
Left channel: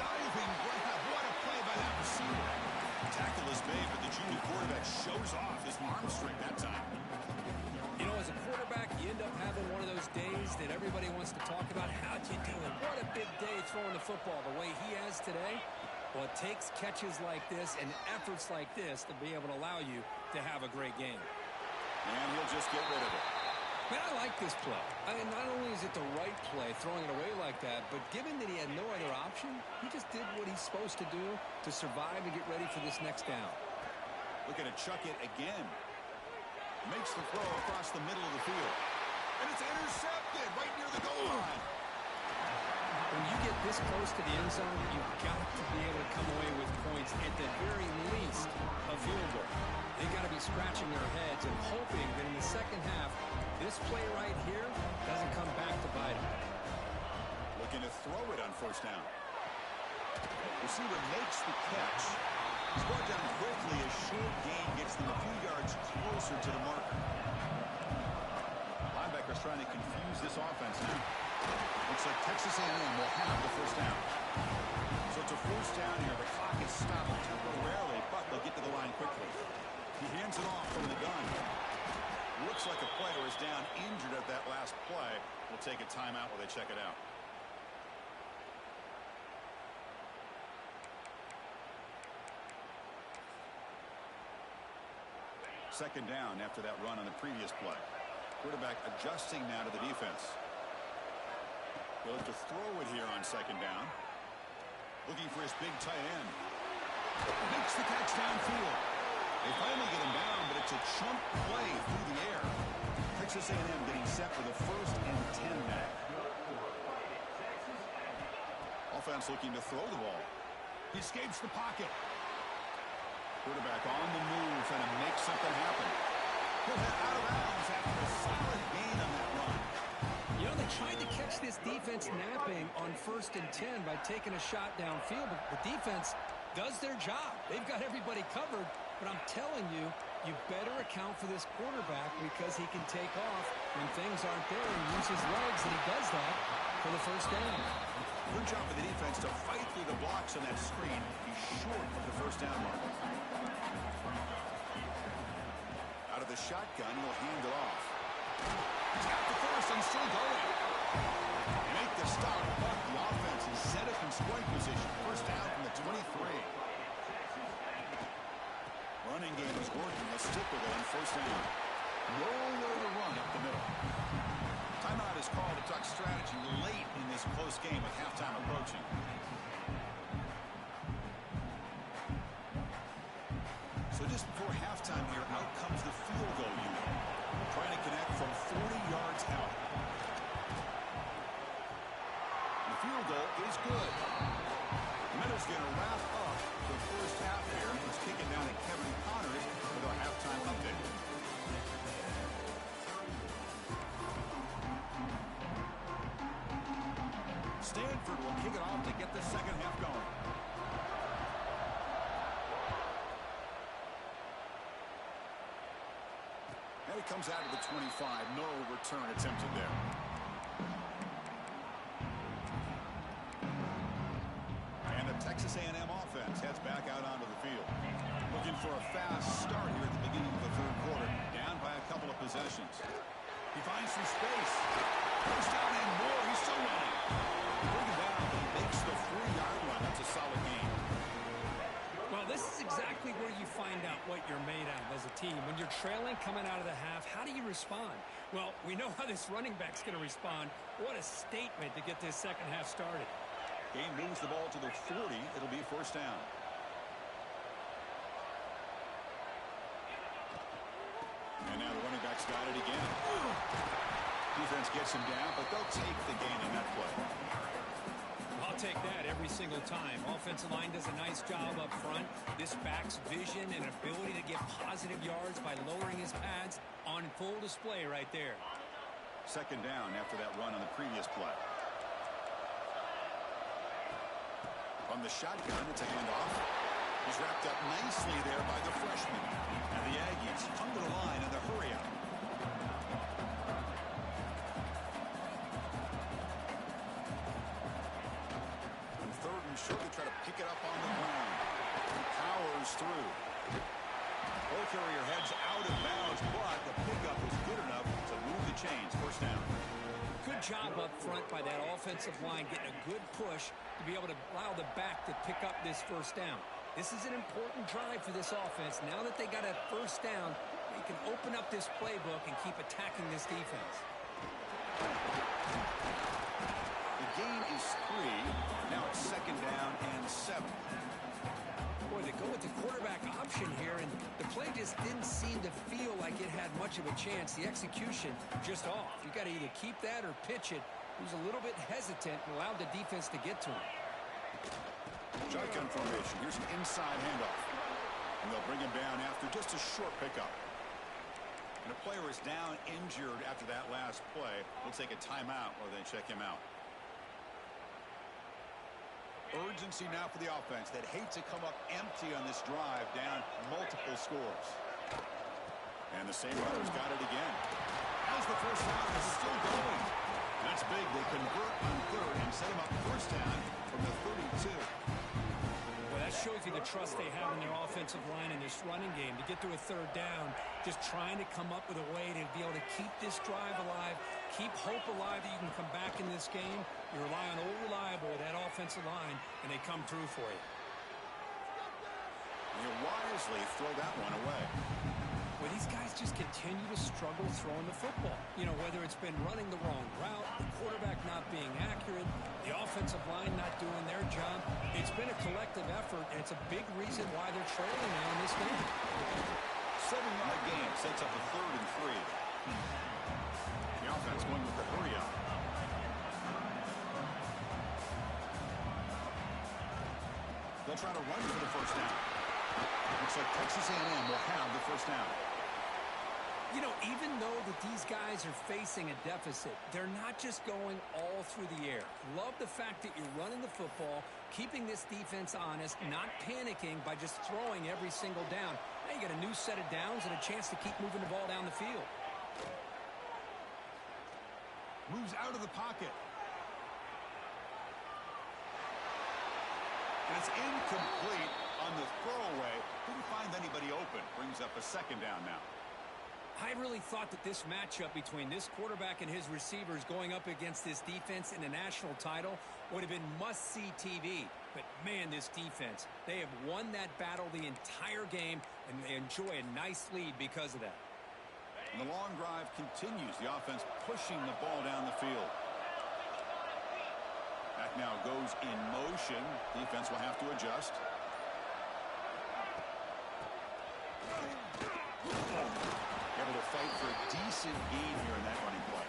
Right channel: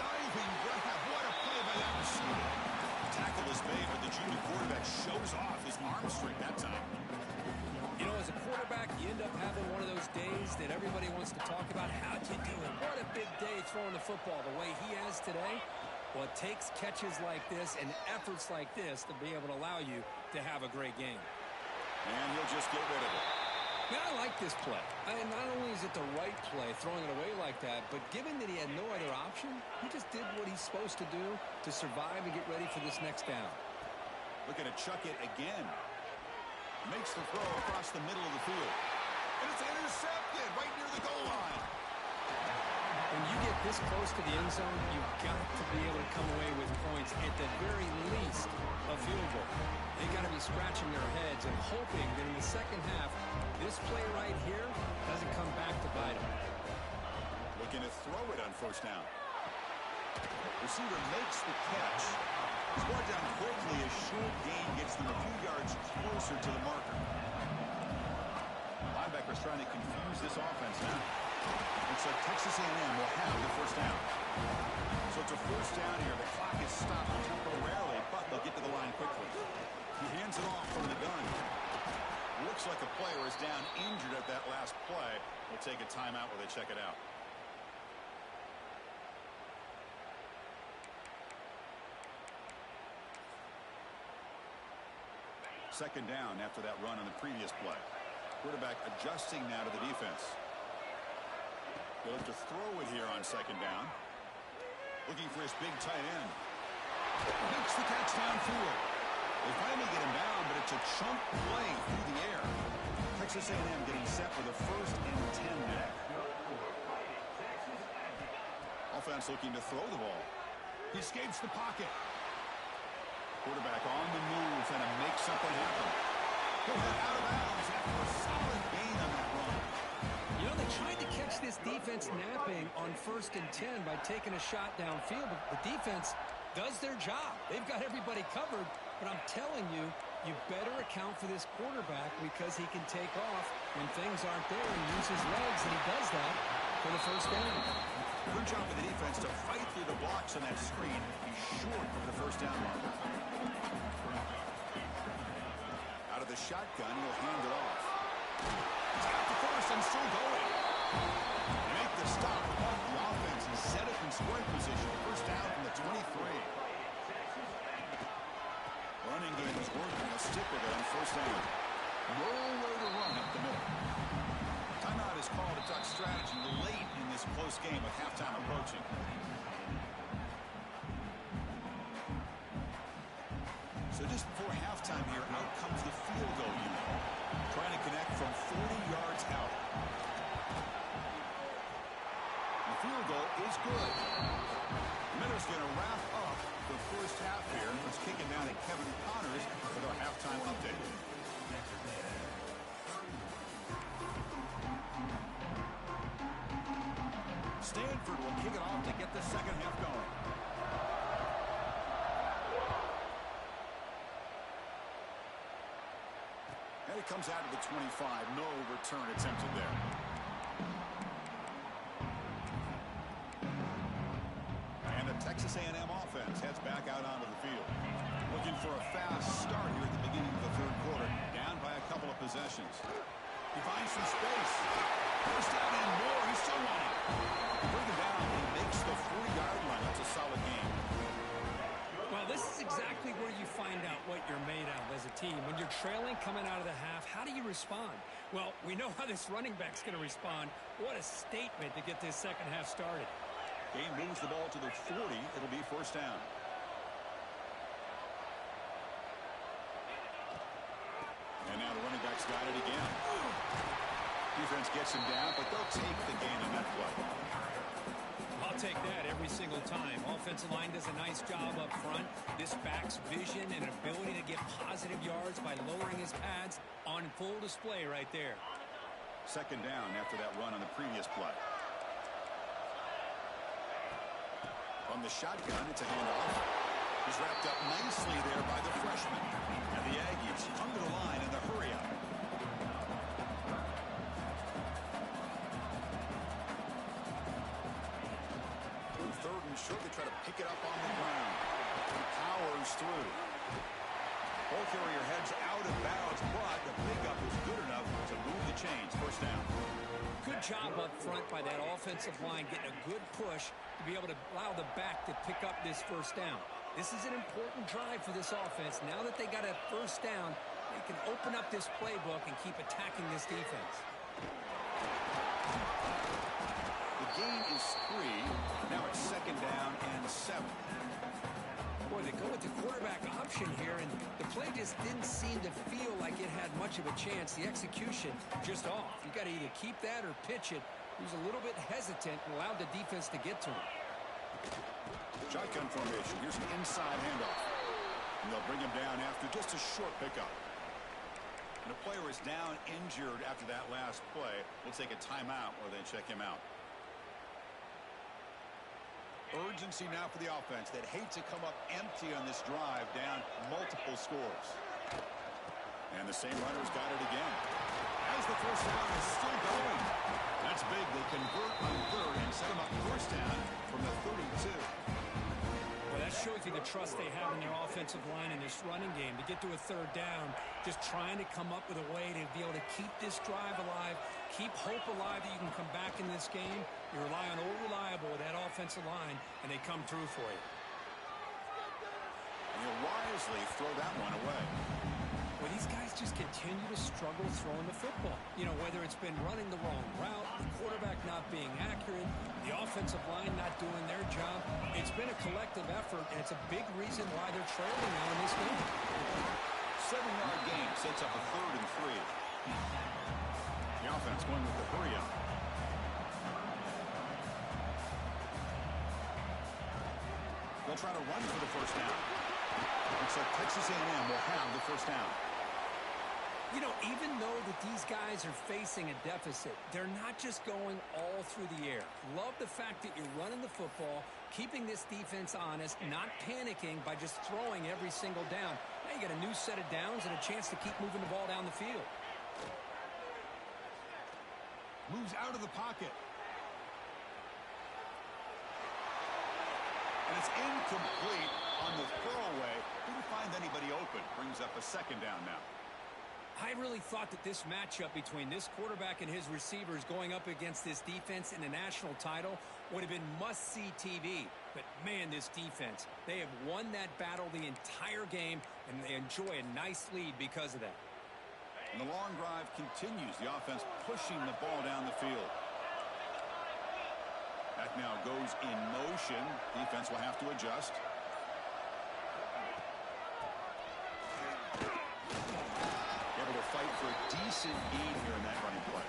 Diving grab. What a play by that receiver. Tackle is made, but the junior quarterback shows off his arm strength that time. You know, as a quarterback, you end up having one of those days that everybody wants to talk about. How'd you do it? What a big day throwing the football the way he has today. Well, it takes catches like this and efforts like this to be able to allow you to have a great game. And he'll just get rid of it. Man, I like this play. And not only is it the right play, throwing it away like that, but given that he had no other option, he just did what he's supposed to do to survive and get ready for this next down. Looking to chuck it again. Makes the throw across the middle of the field. And it's intercepted right near the goal line. When you get this close to the end zone, you've got to be able to come away with points, at the very least, a field goal. They've got to be scratching their heads and hoping that in the second half, this play right here doesn't come back to bite them. Looking to throw it on 1st down. Receiver makes the catch. He's brought down quickly. A short gain gets them a few yards closer to the marker. Linebacker's trying to confuse this offense now. Looks like Texas A&M will have the 1st down. So it's a 1st down here. The clock is stopped temporarily, but they'll get to the line quickly. He hands it off from the gun. Looks like a player is down injured at that last play. We'll take a timeout while they check it out. Second down after that run on the previous play. Quarterback adjusting now to the defense. They'll have to throw it here on 2nd down. Looking for his big tight end. Makes the catch downfield. They finally get him down, but it's a chunk play through the air. Texas A&M getting set for the 1st and 10 now. Offense looking to throw the ball. He escapes the pocket. Quarterback on the move and to make something happen. He'll head out of bounds after a solid gain on that run. You know, they tried to catch this defense napping on 1st and 10 by taking a shot downfield, but the defense does their job. They've got everybody covered, but I'm telling you, you better account for this quarterback because he can take off when things aren't there and use his legs, and he does that for the 1st down. Good job for the defense to fight through the blocks on that screen. He's short of the 1st down marker. Out of the shotgun, he'll hand it off. He's got the 1st and still going. They make the stop, but the offense is set up in scoring position. 1st down from the 23. Running game is working. They'll stick with it on 1st down. Nowhere to run up the middle. Timeout is called to talk strategy late in this close game with halftime approaching. So just before halftime here, out comes the field goal unit. Trying to connect from 40 yards out. The field goal is good. Meadows going to wrap up the 1st half here. Let's kick it down to Kevin Connors with our halftime update. Stanford will kick it off to get the 2nd half going. And it comes out to the 25. No return attempted there. And the Texas A&M offense heads back out onto the field. Looking for a fast start here at the beginning of the 3rd quarter. Down by a couple of possessions. He finds some space. 1st down and more. He's still running. They bring him down, but he makes the 40-yard line. That's a solid game. Well, this is exactly where you find out what you're made of as a team. When you're trailing coming out of the half, how do you respond? Well, we know how this running back's going to respond. What a statement to get this 2nd half started. Game moves the ball to the 40. It'll be 1st down. And now the running back's got it again. Defense gets him down, but they'll take the gain on that play. I'll take that every single time. Offensive line does a nice job up front. This back's vision and ability to get positive yards by lowering his pads on full display right there. 2nd down after that run on the previous play. From the shotgun, it's a handoff. He's wrapped up nicely there by the freshman. And the Aggies come to the line in the hurry-up. On 3rd and short, they try to pick it up on the ground. He powers through. Ball carrier heads out of bounds, but the pickup is good enough to move the chains. 1st down. Good job up front by that offensive line, getting a good push to be able to allow the back to pick up this 1st down. This is an important drive for this offense. Now that they got a 1st down, they can open up this playbook and keep attacking this defense. The gain is 3. Now it's 2nd down and 7. Boy, they go with the quarterback option here, and the play just didn't seem to feel like it had much of a chance. The execution just off. You got to either keep that or pitch it. He was a little bit hesitant and allowed the defense to get to him. Shotgun formation. Here's an inside handoff. And they'll bring him down after just a short pickup. And a player is down injured after that last play. We'll take a timeout while they check him out. Urgency now for the offense that hate to come up empty on this drive, down multiple scores. And the same runner's got it again. As the 1st down is still going. That's big. They convert on 3rd and set him up 1st down from the 32. Well, that shows you the trust they have in their offensive line in this running game. To get to a 3rd down, just trying to come up with a way to be able to keep this drive alive, keep hope alive that you can come back in this game. You rely on Old Reliable with that offensive line, and they come through for you. And he'll wisely throw that one away. Well, these guys just continue to struggle throwing the football. You know, whether it's been running the wrong route, the quarterback not being accurate, the offensive line not doing their job. It's been a collective effort, and it's a big reason why they're trailing now in this game. 7-yard gain sets up a 3rd and 3. The offense going with the hurry up. They'll try to run for the first down. Looks like Texas A&M will have the first down. You know, even though that these guys are facing a deficit, they're not just going all through the air. Love the fact that you're running the football, keeping this defense honest, not panicking by just throwing every single down. Now you got a new set of downs and a chance to keep moving the ball down the field. Moves out of the pocket. And it's incomplete on the throwaway. Didn't find anybody open. Brings up a 2nd down now. I really thought that this matchup between this quarterback and his receivers going up against this defense in the national title would have been must-see TV. But, man, this defense, they have won that battle the entire game, and they enjoy a nice lead because of that. And the long drive continues. The offense pushing the ball down the field. That now goes in motion. Defense will have to adjust. Able to fight for a decent gain here in that running play.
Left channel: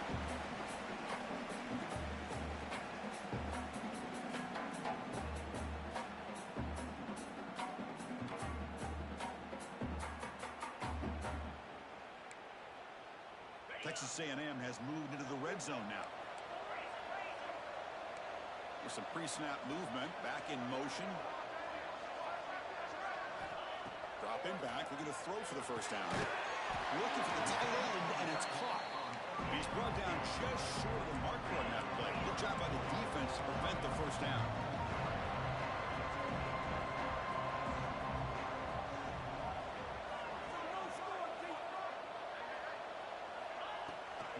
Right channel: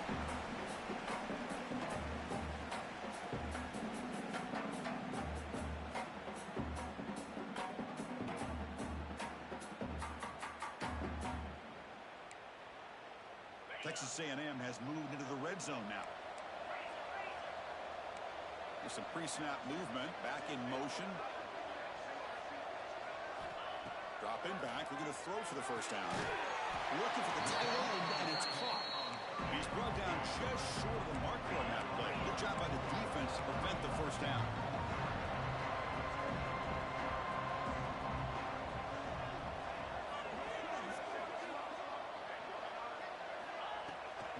Texas A&M has moved into the red zone now. There's some pre-snap movement. Back in motion. Dropping back. We're going to throw for the first down. Looking for the tight end, and it's caught. He's brought down just short of the marker on that play. Good job by the defense to prevent the first down.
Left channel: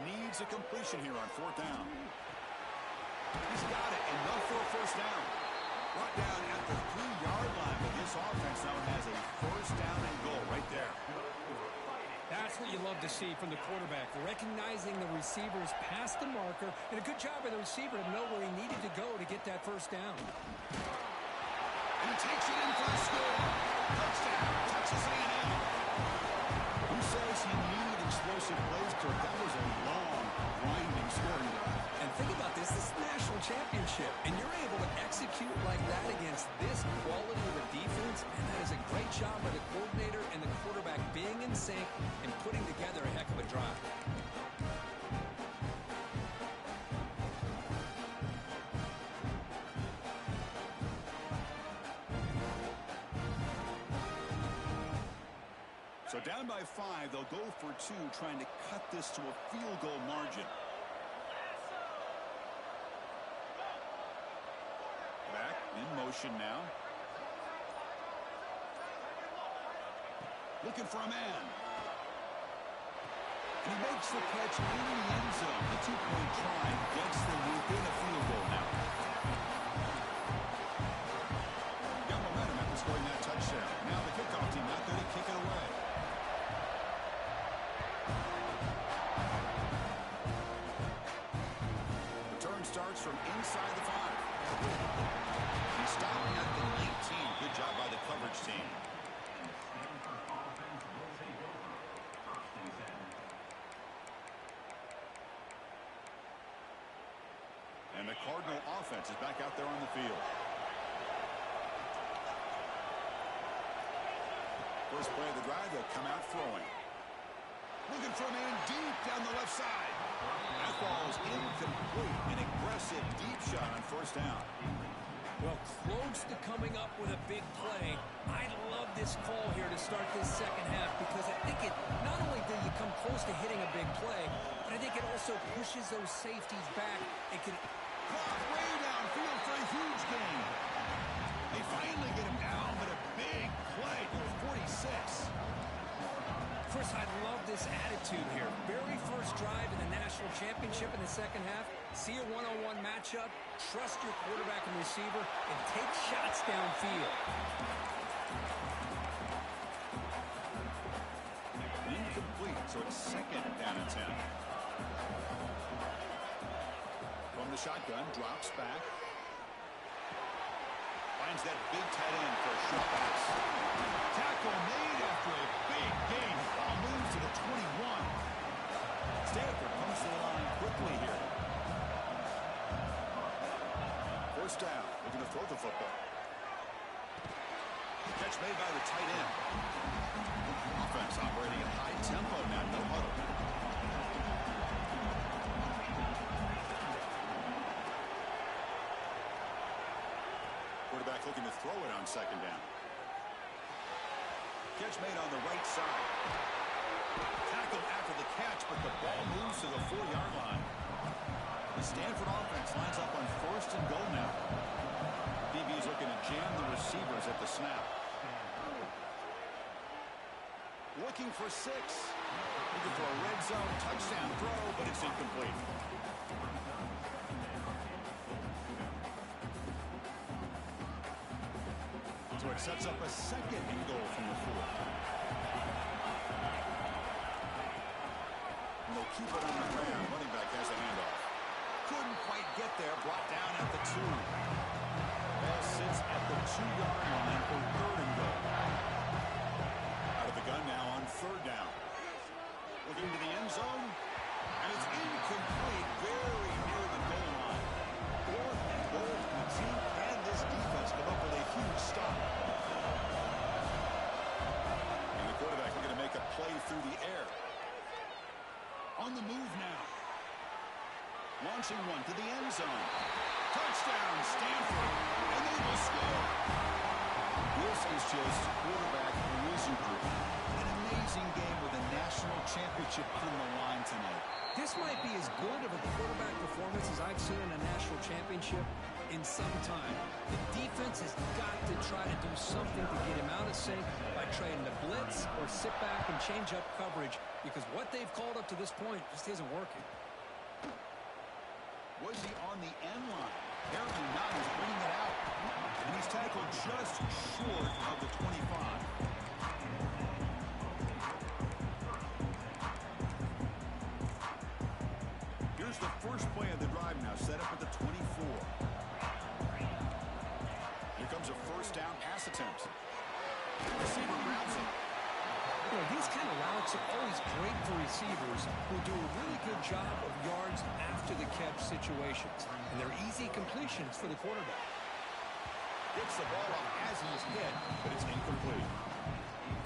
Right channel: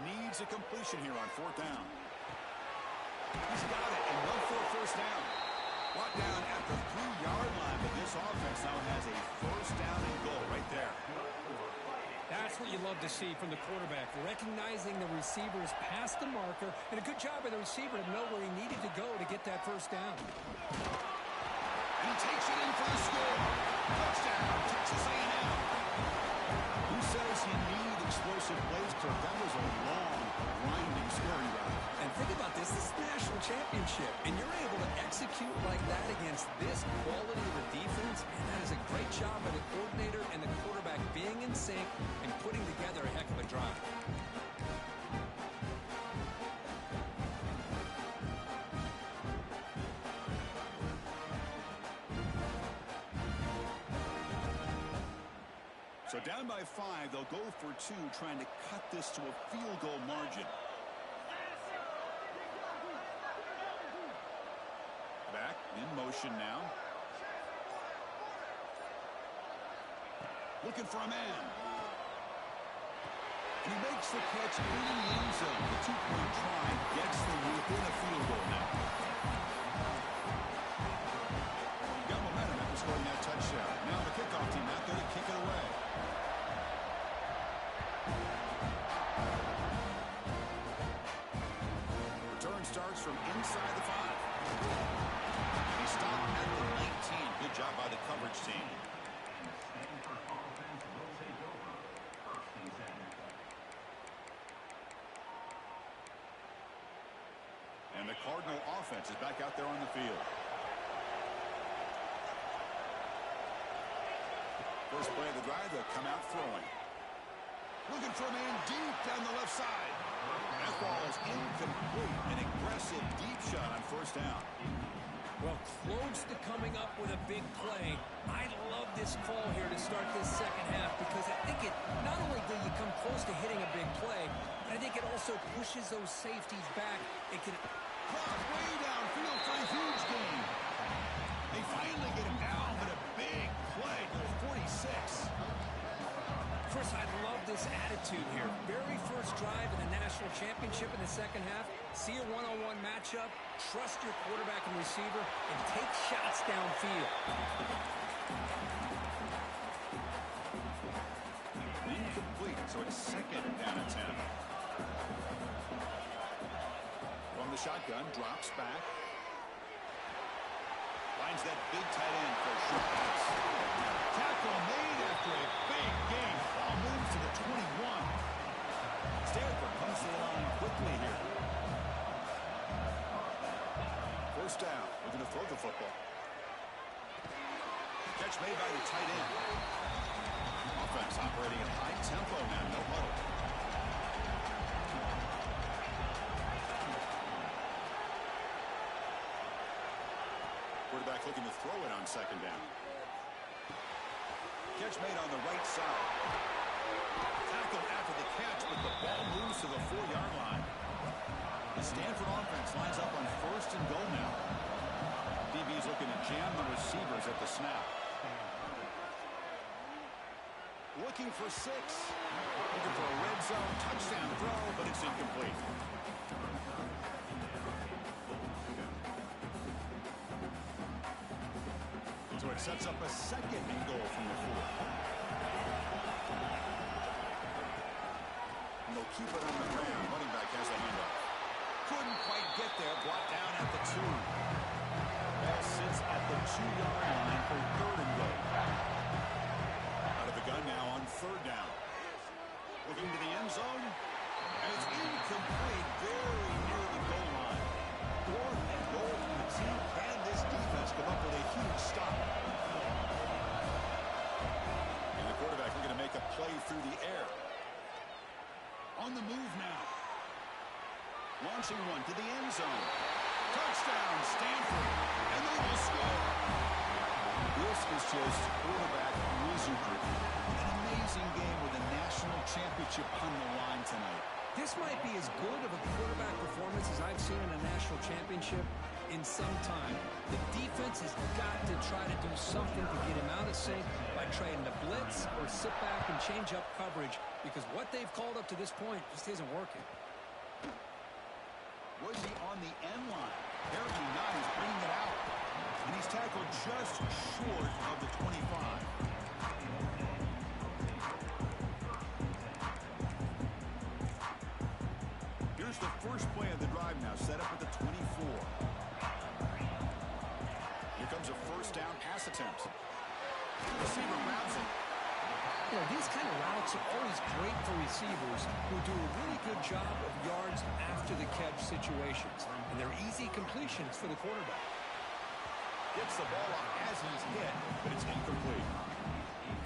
Needs a completion here on 4th down. He's got it, and they'll throw first down. Brought down at the 3-yard line, but this offense now has a first down and goal right there. That's what you love to see from the quarterback, recognizing the receivers past the marker, and a good job by the receiver to know where he needed to go to get that first down. And he takes it in for the score. Touchdown, Texas A&M. Who says you need explosive plays, Kirk? That was a long, grinding scoring drive. And think about this. This is the national championship, and you're able to execute like that against this quality of a defense. Man, that is a great job by the coordinator and the quarterback being in sync and putting together a heck of a drive. So down by 5, they'll go for 2, trying to cut this to a field goal margin. Back in motion now. Looking for a man. And he makes the catch in the end zone. The 2-point try gets them within a field goal now. Got momentum after scoring that touchdown. Now the kickoff team out there to kick it away. Return starts from inside the 5. He stopped at the 19. Good job by the coverage team. Stanford offense will take over. 1st and 10. And the Cardinal offense is back out there on the field. First play of the drive, they'll come out throwing. Looking for a man deep down the left side. That ball is incomplete. An aggressive deep shot on first down. Well, close to coming up with a big play. I love this call here to start this second half because I think it not only do you come close to hitting a big play, but I think it also pushes those safeties back. It can Clock way downfield for a huge gain. They finally get him down, but a big play to the 46. Chris, I love this attitude here. Very first drive in the national championship in the second half. See a one-on-one matchup, trust your quarterback and receiver, and take shots downfield. In incomplete, so it's second down and 10. From the shotgun, drops back. Finds that big tight end for a short pass. Tackle made after a big gain. Ball moves to the 21. Stanford comes to the line quickly here. First down. Looking to throw the football. Catch made by the tight end. Offense operating at high tempo now. No huddle. Quarterback looking to throw it on second down. Catch made on the right side. Tackled after the catch, but the ball moves to the 4-yard line. The Stanford offense lines up on first and goal now. DB's looking to jam the receivers at the snap. Looking for 6. Looking for a red zone touchdown throw, but it's incomplete. So it sets up a second and goal from the 4. And they'll keep it on the ground. Running back has a handoff. Couldn't quite get there. Brought down at the 2. Ball sits at the 2-yard line for third and goal. Out of the gun now on third down. Looking to the end zone. And it's incomplete. Very near the goal line. Fourth and goal from the team. Can this defense come up with a huge stop? And the quarterback looking to make a play through the air. On the move now. Launching one to the end zone. Touchdown, Stanford. And they will score. This is just quarterback wizardry. An amazing game with a national championship on the line tonight. This might be as good of a quarterback performance as I've seen in a national championship in some time. The defense has got to try to do something to get him out of sync by trading the blitz or sit back and change up coverage, because what they've called up to this point just isn't working. Was he on the end line? Apparently not. He's bringing it out. And he's tackled just short of the 25. Here's the first play of the drive now, set up at the 24. Here comes a first down pass attempt. Receiver grabs it. You know, these kind of routes are always great for receivers who do a really good job of yards after the catch situations. And they're easy completions for the quarterback. Gets the ball up as he's hit, but it's incomplete.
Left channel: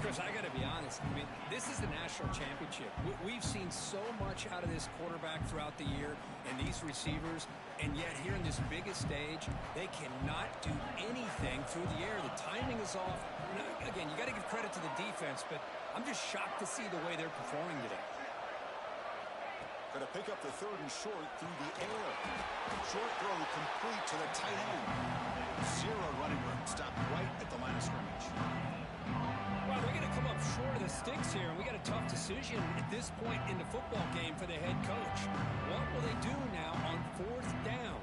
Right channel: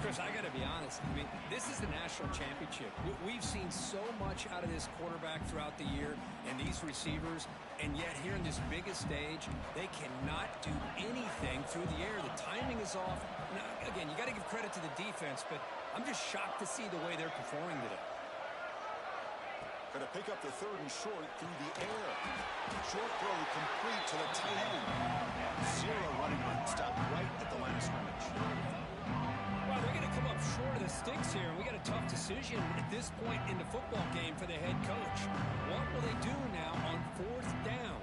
Chris, I got to be honest. I mean, this is the national championship. We've seen so much out of this quarterback throughout the year and these receivers, and yet here in this biggest stage, they cannot do anything through the air. The timing is off. Now, again, you got to give credit to the defense, but I'm just shocked to see the way they're performing today. Going to pick up the third and short through the air. Short throw complete to the tight end. 0 running room. Stopped right at the line of scrimmage. Well, they're going to come up short of the sticks here, and we got a tough decision at this point in the football game for the head coach. What will they do now on fourth down?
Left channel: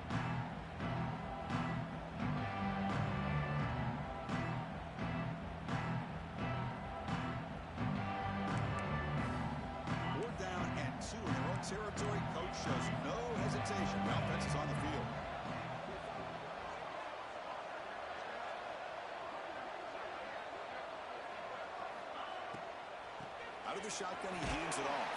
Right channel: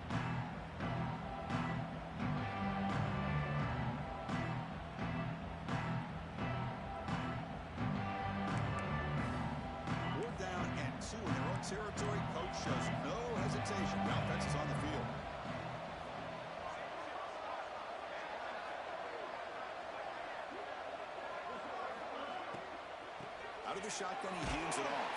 Fourth down and 2 in their own territory. Coach shows no hesitation. The offense is on the field. Out of the shotgun, he hands it off.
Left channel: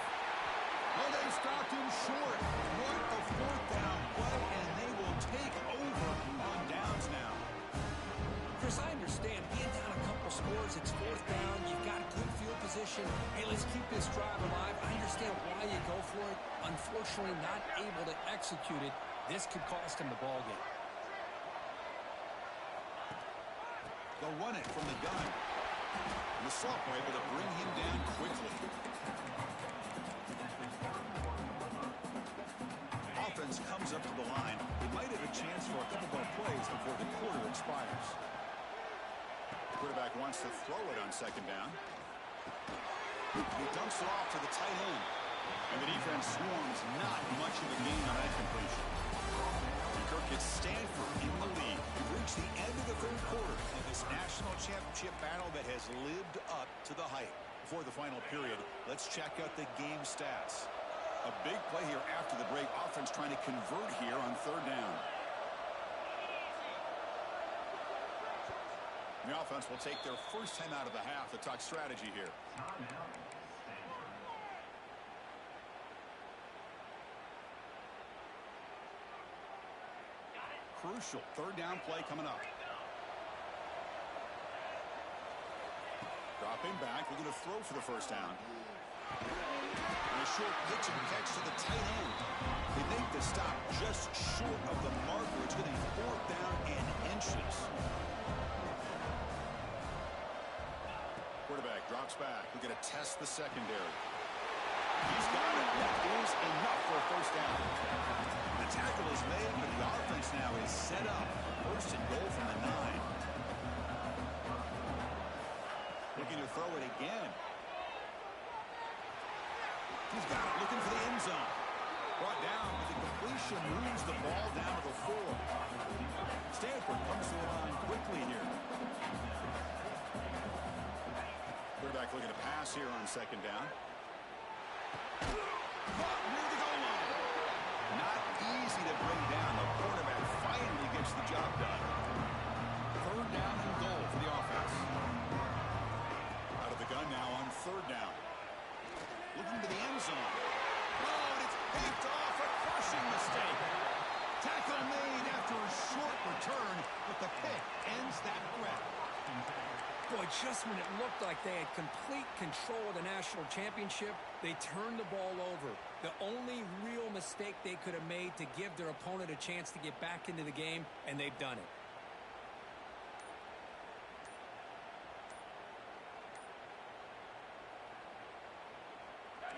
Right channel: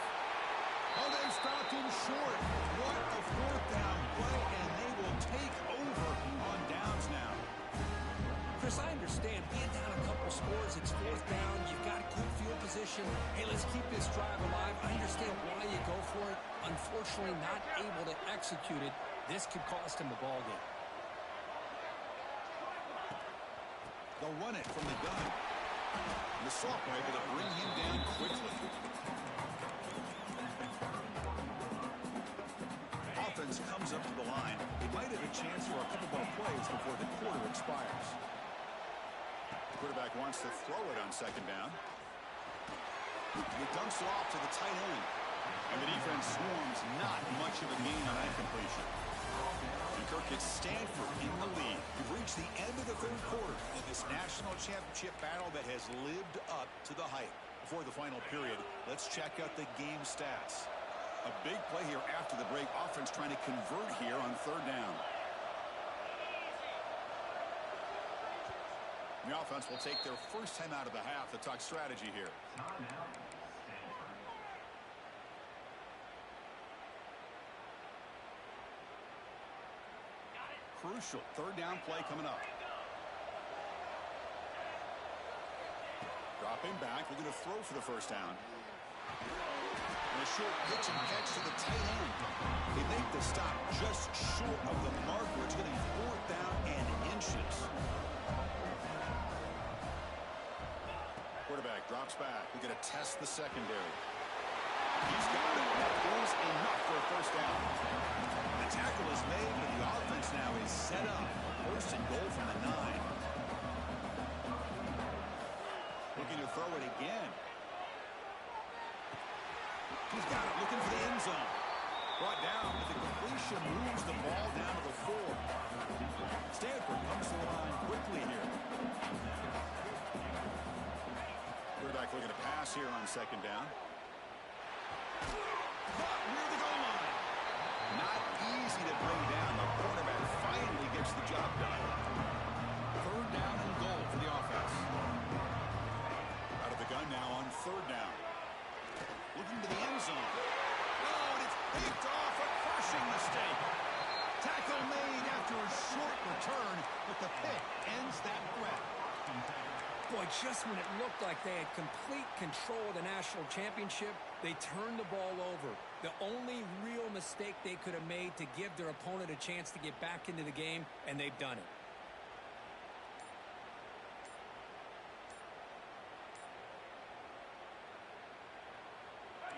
Oh, they stopped him short. What a fourth down play, and they will take over on downs now. Chris, I understand being down a couple scores, it's fourth down, you've got good field position. Hey, let's keep this drive alive. I understand why you go for it. Unfortunately, not able to execute it. This could cost him the ball game. They'll run it from the gun. And the sophomore able to bring him down quickly. Offense comes up to the line. They might have a chance for a couple more plays before the quarter expires. The quarterback wants to throw it on second down. He dumps it off to the tight end. And the defense swarms, not much of a gain on that completion. And Kirk gets Stanford in the lead. We've reached the end of the third quarter in this national championship battle that has lived up to the hype. Before the final period, let's check out the game stats. A big play here after the break. Offense trying to convert here on third down. The offense will take their first time out of the half to talk strategy here. Timeout, Stanford. Crucial third down play coming up. Dropping back, looking to throw for the first down. And a short pitch and catch to the tight end. They make the stop just short of the marker. It's going to be fourth down and inches. Quarterback drops back. We're going to test the secondary. He's got it. That is enough for a first down. The tackle is made, but the offense now is set up. First and goal from the 9. Looking to throw it again. He's got it, looking for the end zone. Brought down, but the completion moves the ball down to the 4. Stanford comes to the line quickly here. Quarterback looking to pass here on second down. Caught near the goal line. Not easy to bring down. The quarterback finally gets the job done. Third down and goal for the offense. Out of the gun now on third down. Looking to the end zone. Oh, and it's picked off. A crushing mistake. Tackle made after a short return, but the pick ends that threat. Boy, just when it looked like they had complete control of the national championship, they turned the ball over. The only real mistake they could have made to give their opponent a chance to get back into the game, and they've done it.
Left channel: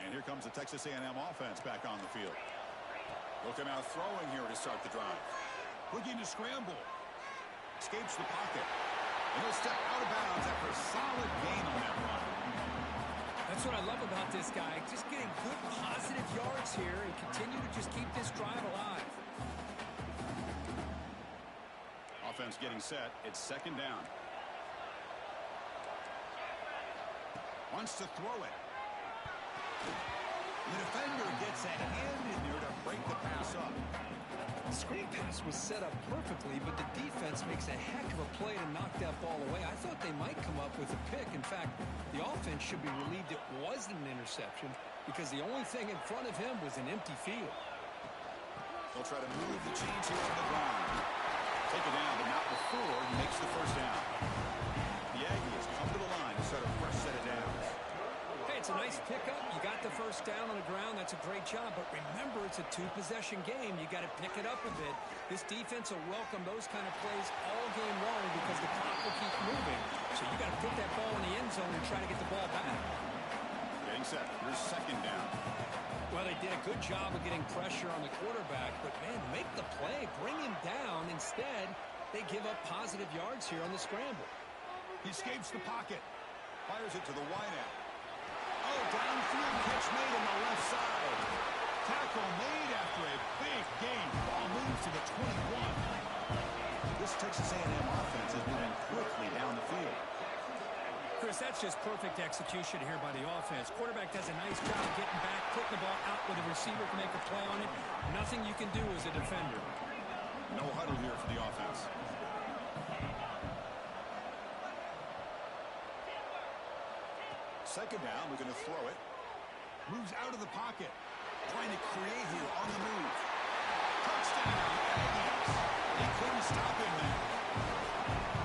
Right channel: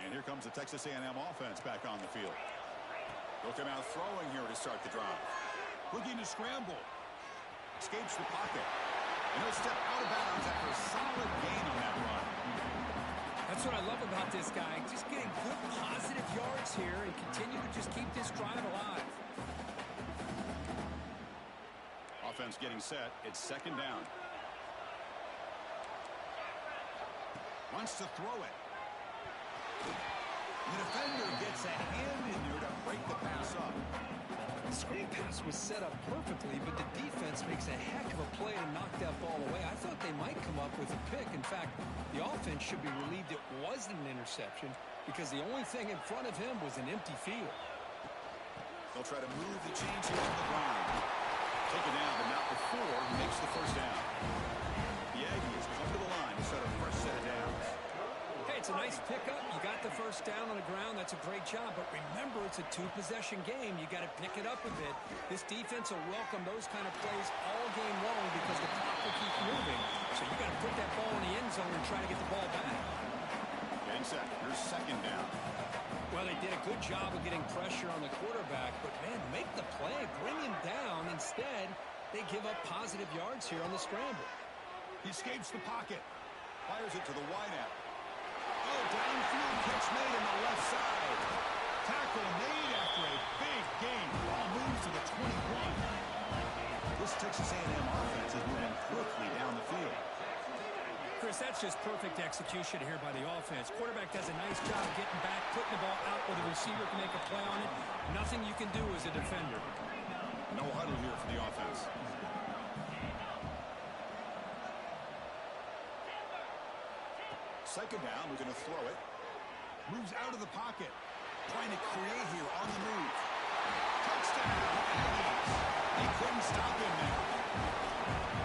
And here comes the Texas A&M offense back on the field. They'll come out throwing here to start the drive. Looking to scramble. Escapes the pocket. And he'll step out of bounds after a solid gain on that run. That's what I love about this guy. Just getting good positive yards here and continue to just keep this drive alive. Offense getting set. It's second down. Wants to throw it. The defender gets a hand in there to break the pass up. The screen pass was set up perfectly, but the defense makes a heck of a play to knock that ball away. I thought they might come up with a pick. In fact, the offense should be relieved it wasn't an interception because the only thing in front of him was an empty field. They'll try to move the chains here on the ground. Take it down, but not before he makes the first down. The Aggies come to the line to start a fresh set of downs. Hey, it's a nice pickup. You got the first down on the ground. That's a great job. But remember, it's a two-possession game. You got to pick it up a bit. This defense will welcome those kind of plays all game long because the clock will keep moving. So you got to put that ball in the end zone and try to get the ball back. Getting set. Here's second down. Well, they did a good job of getting pressure on the quarterback. But, man, make the play. Bring him down. Instead, they give up positive yards here on the scramble. He escapes the pocket. Fires it to the wideout. Oh, downfield catch made on the left side. Tackle made after a big gain. Ball moves to the 21. This Texas A&M offense is moving quickly down the field. Chris, that's just perfect execution here by the offense. Quarterback does a nice job getting back, putting the ball out where the receiver can make a play on it. Nothing you can do as a defender. No huddle here for the offense. Second down, we're going to throw it. Moves out of the pocket. Trying to create here on the move. Touchdown, Aggies. He couldn't stop him there.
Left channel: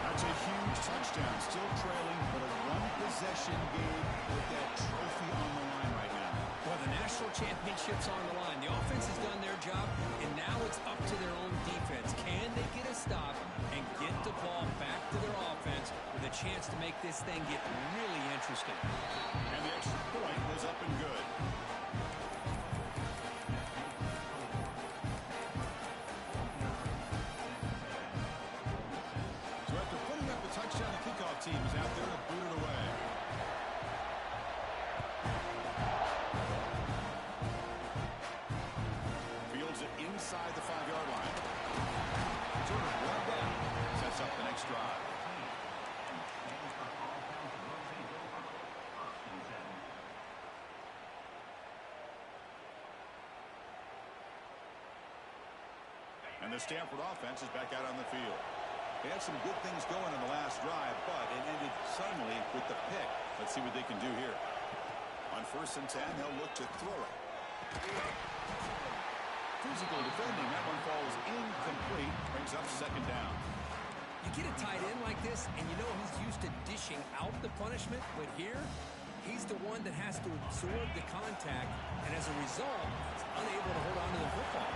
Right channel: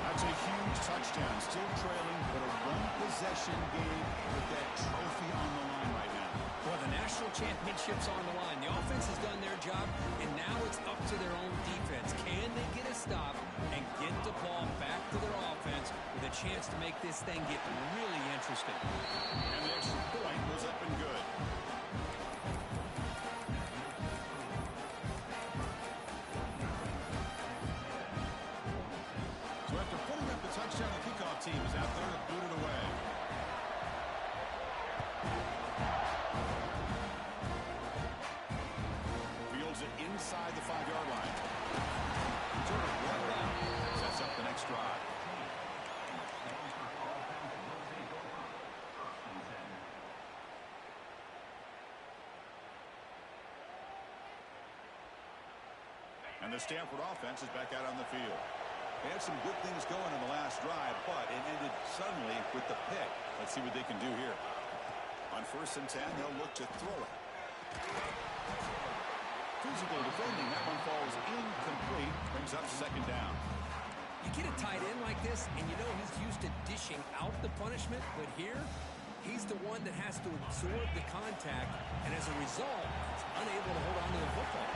That's a huge touchdown. Still trailing, but a one-possession game with that trophy on the line right now. Well, the national championship's on the line. The offense has done their job, and now it's up to their own defense. Can they get a stop and get the ball back to their offense with a chance to make this thing get really interesting? And the extra point was up and good. So after putting up the touchdown, the kickoff team is out there to boot it away. Fields it inside the 5-yard line. Sort of run down. Sets up the next drive. And the Stanford offense is back out on the field. They had some good things going in the last drive, but it ended suddenly with the pick. Let's see what they can do here. On 1st and 10, they'll look to throw it. Physical defending. That one falls incomplete. Brings up 2nd down. You get a tight end like this, and you know he's used to dishing out the punishment, but here, he's the one that has to absorb the contact, and as a result, he's unable to hold on to the football.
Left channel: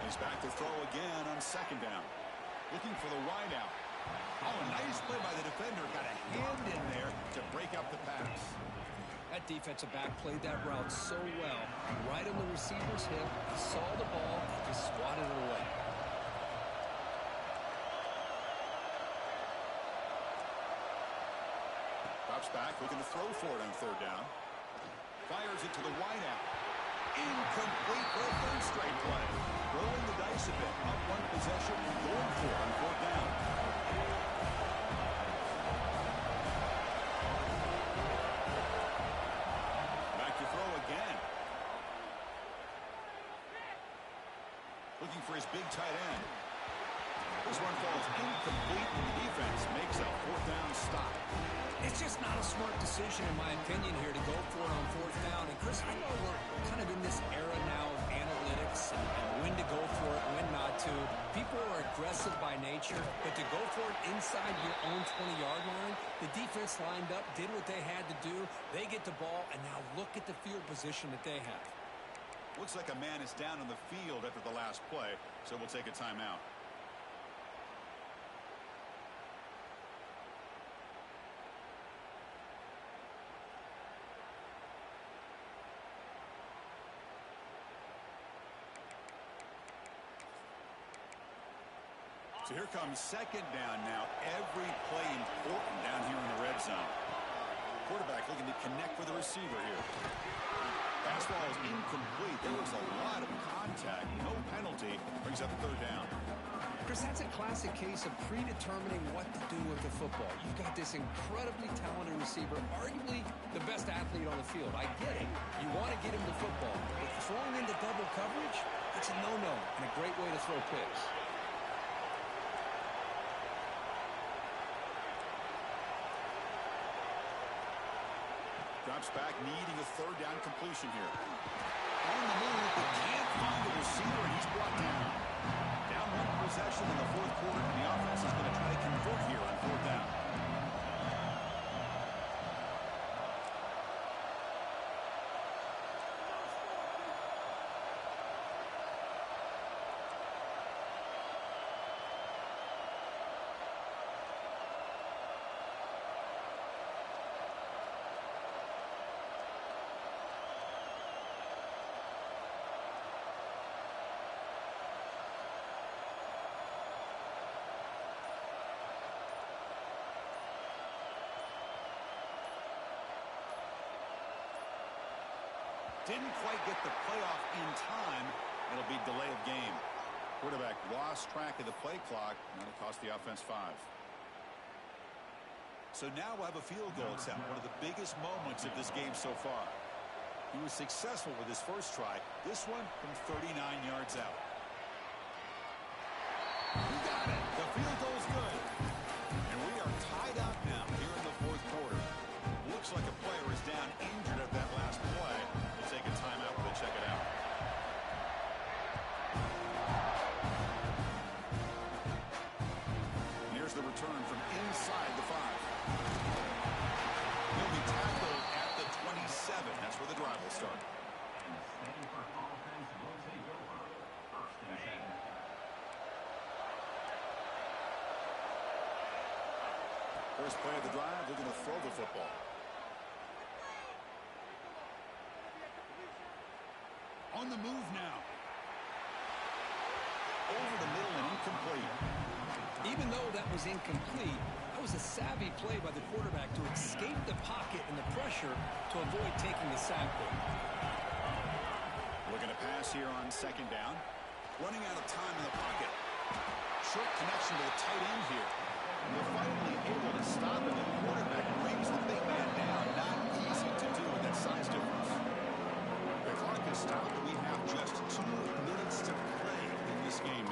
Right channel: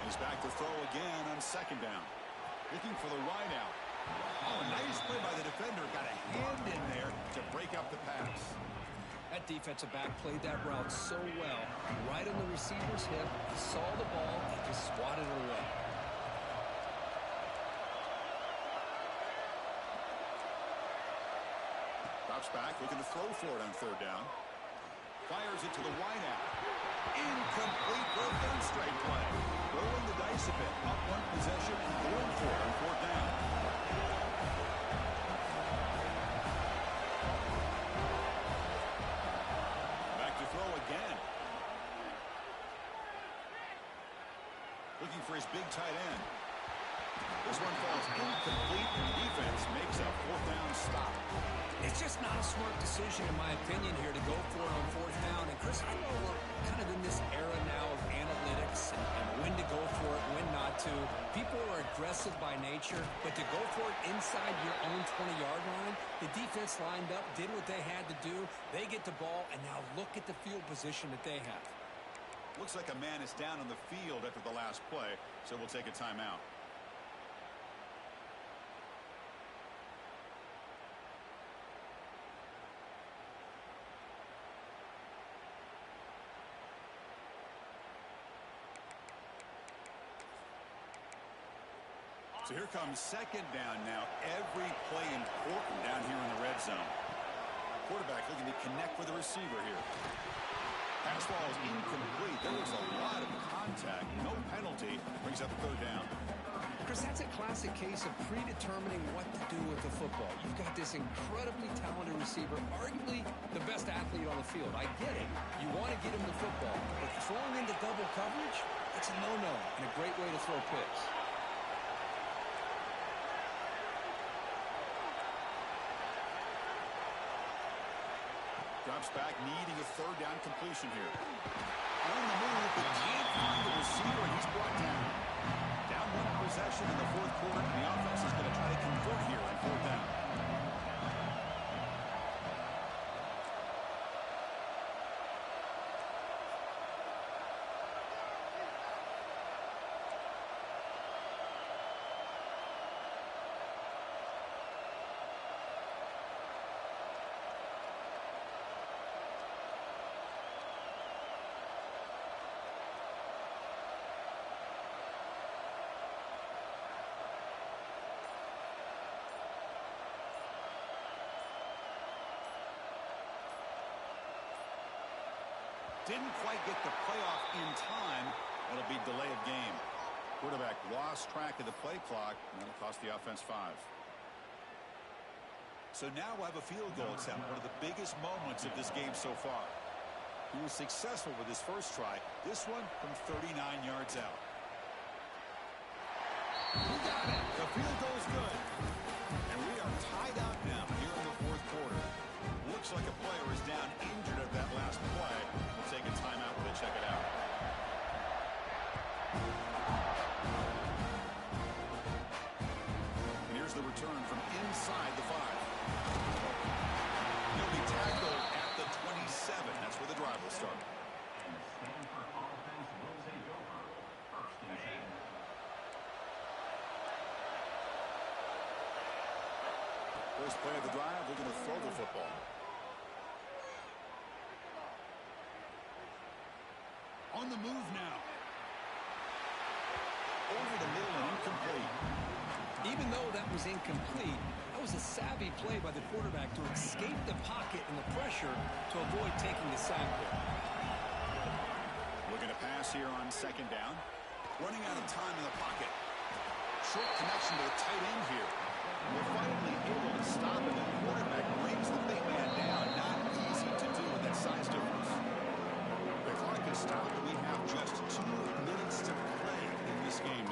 He's back to throw again on 2nd down. Looking for the wide out. Oh, a nice play by the defender. Got a hand in there to break up the pass. That defensive back played that route so well. Right on the receiver's hip, he saw the ball and just swatted it away. Drops back, looking to throw for it on 3rd down. Fires it to the wide out. Incomplete for a 3rd straight play. Rolling the dice a bit. Up 1 possession and going for it on 4th down. Back to throw again. Looking for his big tight end. This one falls incomplete, and the defense makes a 4th down stop. It's just not a smart decision, in my opinion, here to go for it on 4th down. And, Chris, I know we're kind of in this era now of analytics and when to go for it, when not to. People are aggressive by nature, but to go for it inside your own 20-yard line, the defense lined up, did what they had to do. They get the ball, and now look at the field position that they have. Looks like a man is down on the field after the last play, so we'll take a timeout. So here comes 2nd down now. Every play important down here in the red zone. Quarterback looking to connect with the receiver here. Pass ball is incomplete. There was a lot of contact. No penalty. Brings up 3rd down. Chris, that's a classic case of predetermining what to do with the football. You've got this incredibly talented receiver, arguably the best athlete on the field. I get it. You want to get him the football. But throwing into double coverage, that's a no-no and a great way to throw picks. Drops back, needing a 3rd down completion here. On the move, but can't find the receiver, and he's brought down. Down 1 possession in the 4th quarter, and the offense is going to try to convert here on 4th down. Didn't quite get the playoff in time. It'll be delay of game. Quarterback lost track of the play clock, and that'll cost the offense 5. So now we'll have a field goal attempt, one of the biggest moments of this game so far. He was successful with his first try. This one from 39 yards out. He got it. The field goal's good. And we are tied up now here in the 4th quarter. Looks like a player is down injured at that last play. We'll take a timeout when they check it out. And here's the return from inside the 5. He'll be tackled at the 27. That's where the drive will start. And the Stanford offense will take over. 1st and 10. First play of the drive, looking to throw the football. On the move now. Over the middle and incomplete. Even though that was incomplete, that was a savvy play by the quarterback to escape the pocket and the pressure to avoid taking the sack there. Looking to pass here on 2nd down. Running out of time in the pocket. Short connection to the tight end here. We're finally able to stop it. The quarterback brings the big man down. Not easy to do with that size difference. The clock is stopped. We have just 2 minutes to play in this game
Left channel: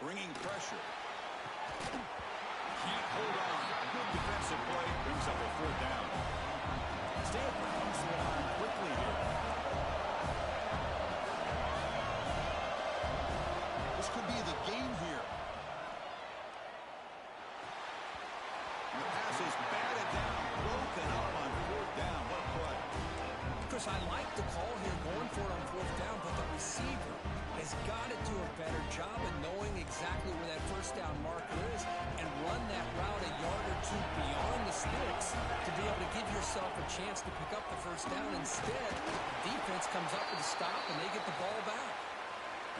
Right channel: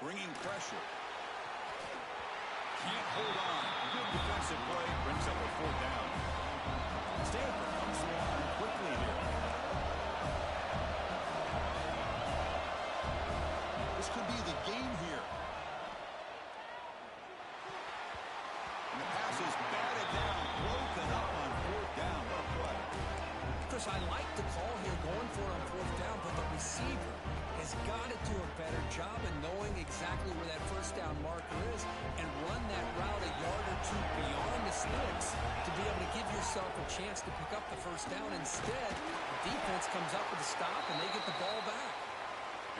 Bringing pressure. Can't hold on. Good defensive play. Brings up a fourth down. Stanford comes to the line quickly here. This could be the game here. And the pass is batted down, broken up on fourth down. What a play. Chris, I like the call here going for it on fourth down, but the receiver has got to do a better job of knowing exactly where that first down marker is and run that route a yard or two beyond the sticks to be able to give yourself a chance to pick up the first down. Instead, the defense comes up with a stop and they get the ball back.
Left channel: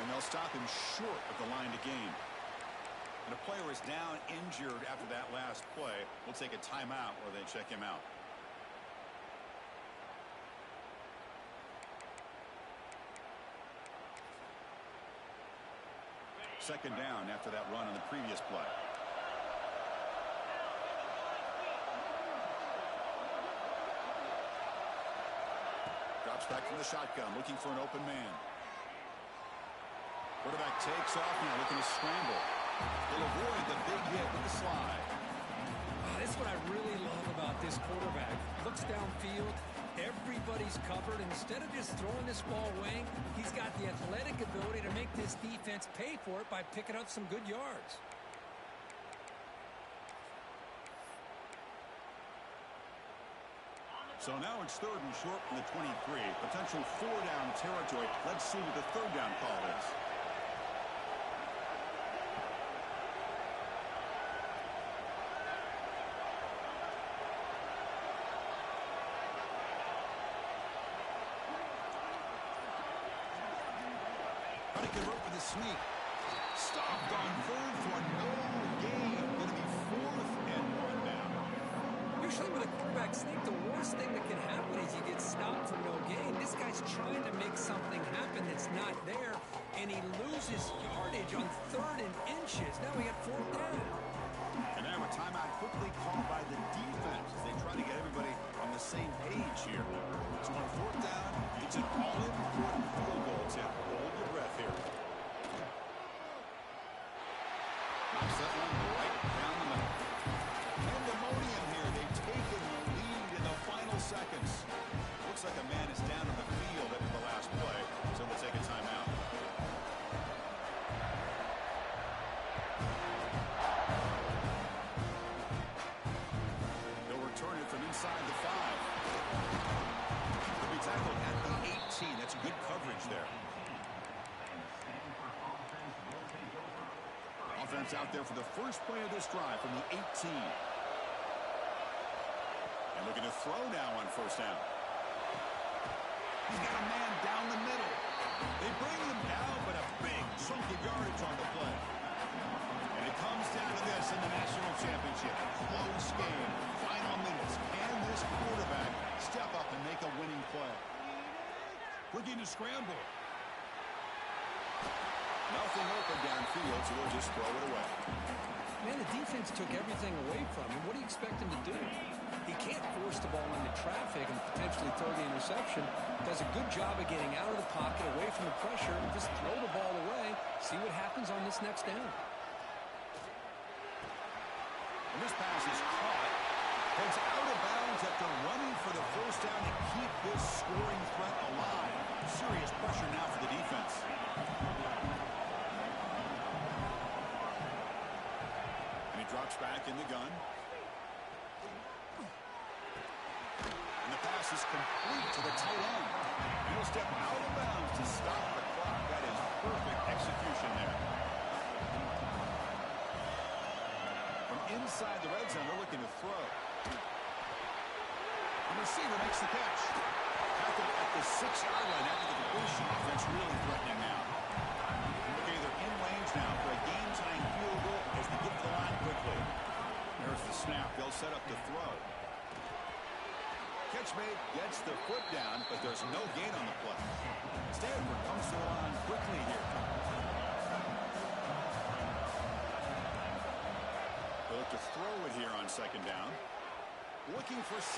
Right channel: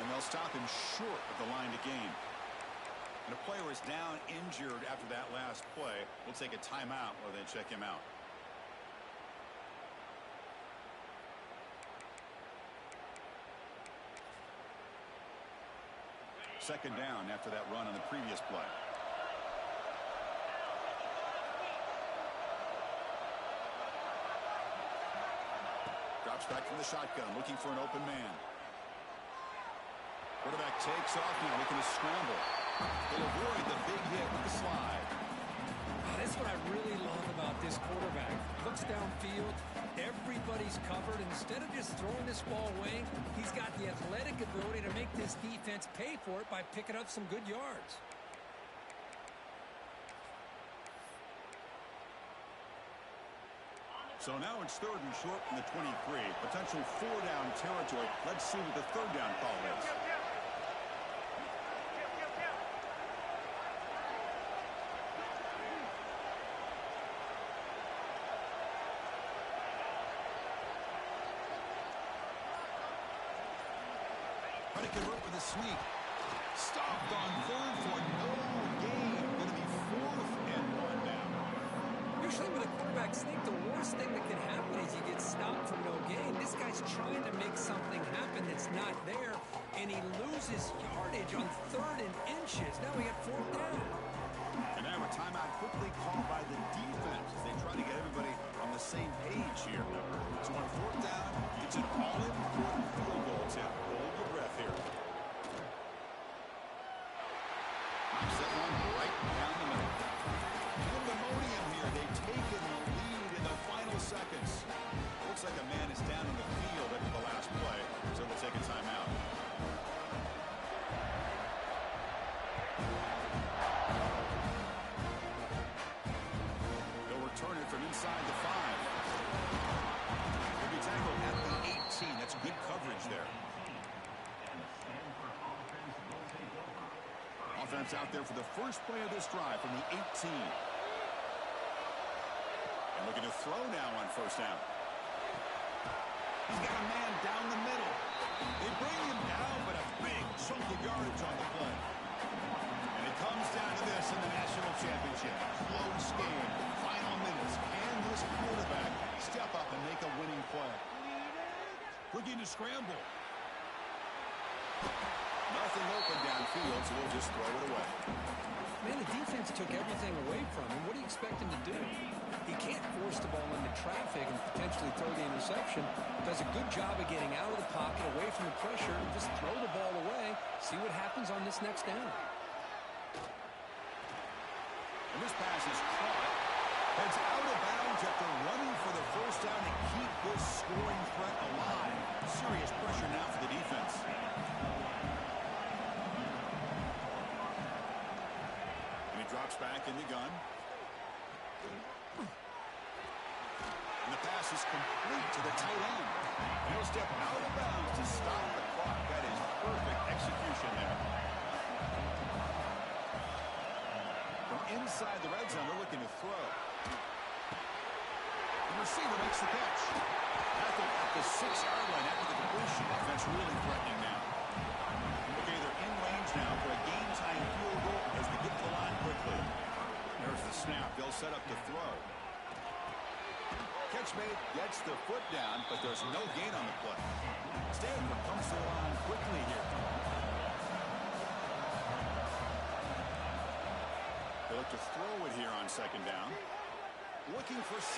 And they'll stop him short of the line to gain. And a player is down injured after that last play. We'll take a timeout while they check him out. Second down after that run on the previous play. Drops back from the shotgun, looking for an open man. Quarterback takes off now, looking to scramble. He'll avoid the big hit with the slide. That's what I really love about this quarterback. Looks downfield. Everybody's covered. Instead of just throwing this ball away, he's got the athletic ability to make this defense pay for it by picking up some good yards. So now it's third and short from the 23. Potential four-down territory. Let's see what the third down call is. How to convert with a sneak. Stopped on third for no gain. Going to be fourth and one now. Usually with a quarterback sneak, the worst thing that can happen is you get stopped for no gain. This guy's trying to make something happen that's not there, and he loses yardage on third and inches. Now we got fourth down. And now a timeout quickly called by the defense as they try to get everybody on the same page here. So on fourth down, it's an all-important field goal attempt. Hold your breath here. Knocks that one right down the middle. Pandemonium here. They've taken the lead in the final seconds. Looks like a man is down on the field after the last play, so they'll take a timeout. They'll return it from inside the 5. They'll be tackled at the 18. That's good coverage there. Offense out there for the first play of this drive from the 18. And looking to throw now on first down. He's got a man down the middle. They bring him down, but a big chunk of yardage on the play. And it comes down to this in the national championship. Close game. Final minutes. Can this quarterback step up and make a winning play? Looking to scramble. Nothing open downfield, so we'll just throw it away. Man, the defense took everything away from him. What do you expect him to do? He can't force the ball into traffic and potentially throw the interception. Does a good job of getting out of the pocket, away from the pressure, and just throw the ball away. See what happens on this next down. And this pass is caught. Heads out of bounds after running for the first down to keep this scoring threat alive. Serious pressure now for the defense. Drops back in the gun. And the pass is complete to the tight end. And he'll step out of bounds to stop the clock. That is perfect execution there. From inside the red zone, they're looking to throw. The receiver makes the catch. Tackled at the 6-yard line after the completion. Offense really threatening now. Okay, they're in range now for a game-tying field goal as they get to the line quickly. There's the snap. They'll set up to throw. Catch made, gets the foot down, but there's no gain on the play. Stanford comes to the line quickly here. They look to throw it here on second down. Looking for 6.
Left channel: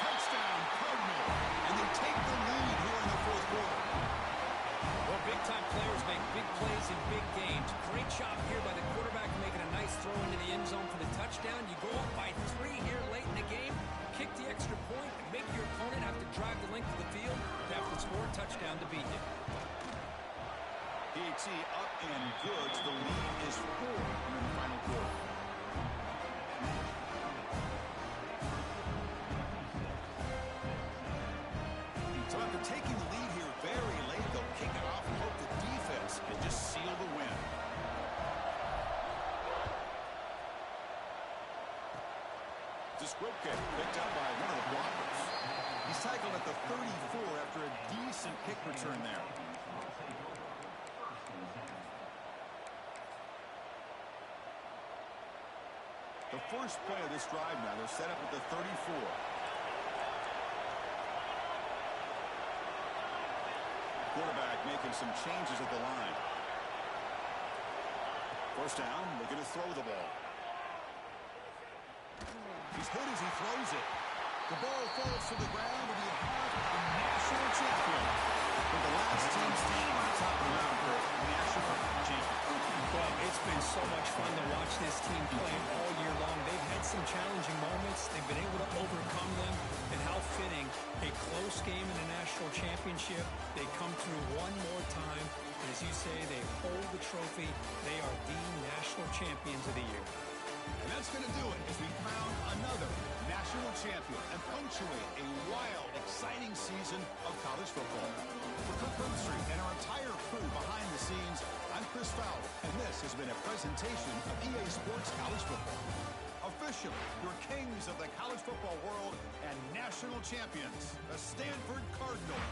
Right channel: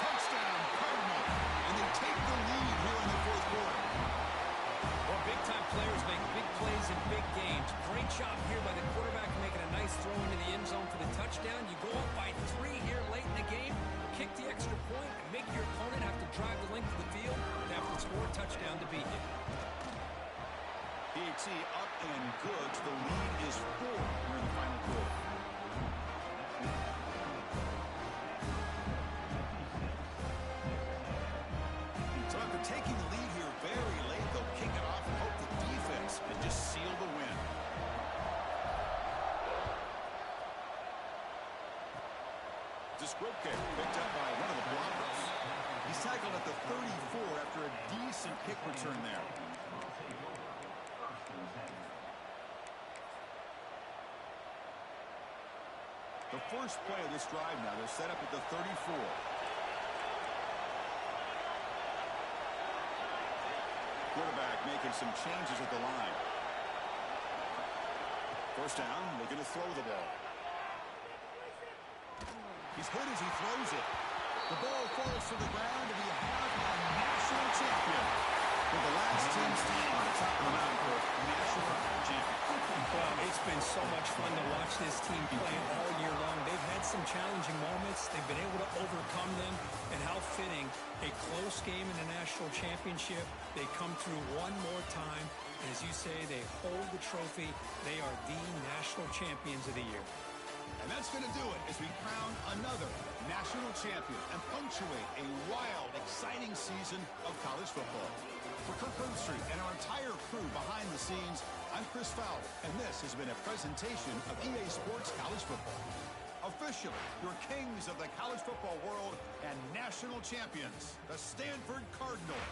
Touchdown, Cardinal. And they take the lead here in the fourth quarter. Well, big-time players make big plays in big games. Great job here by the quarterback making a nice throw into the end zone for the touchdown. You go up by 3 here late in the game, kick the extra point, and make your opponent have to drive the length of the field to have to score a touchdown to beat you. PAT up and good. The lead is 4 here in the final quarter. So after taking the lead here very late, they'll kick it off and hope the defense can just seal the win. The squib kick picked up by one of the blockers. He's tackled at the 34 after a decent kick return there. The first play of this drive now, they're set up at the 34. Quarterback making some changes at the line. First down, looking to throw the ball. He's hit as he throws it. The ball falls to the ground, and we have a national champion. With the last team standing on the top of the mountain for national champion. Well, it's been so much fun to watch this team play all year long. They've had some challenging moments. They've been able to overcome them. And how fitting, a close game in the national championship. They come through one more time. And as you say, they hold the trophy. They are the national champions of the year. And that's going to do it as we crown another national champion and punctuate a wild, exciting season of college football. For Kirk Herbstreit and our entire crew behind the scenes, I'm Chris Fowler, and this has been a presentation of EA Sports College Football. Officially, your kings of the college football world and national champions, the Stanford Cardinal.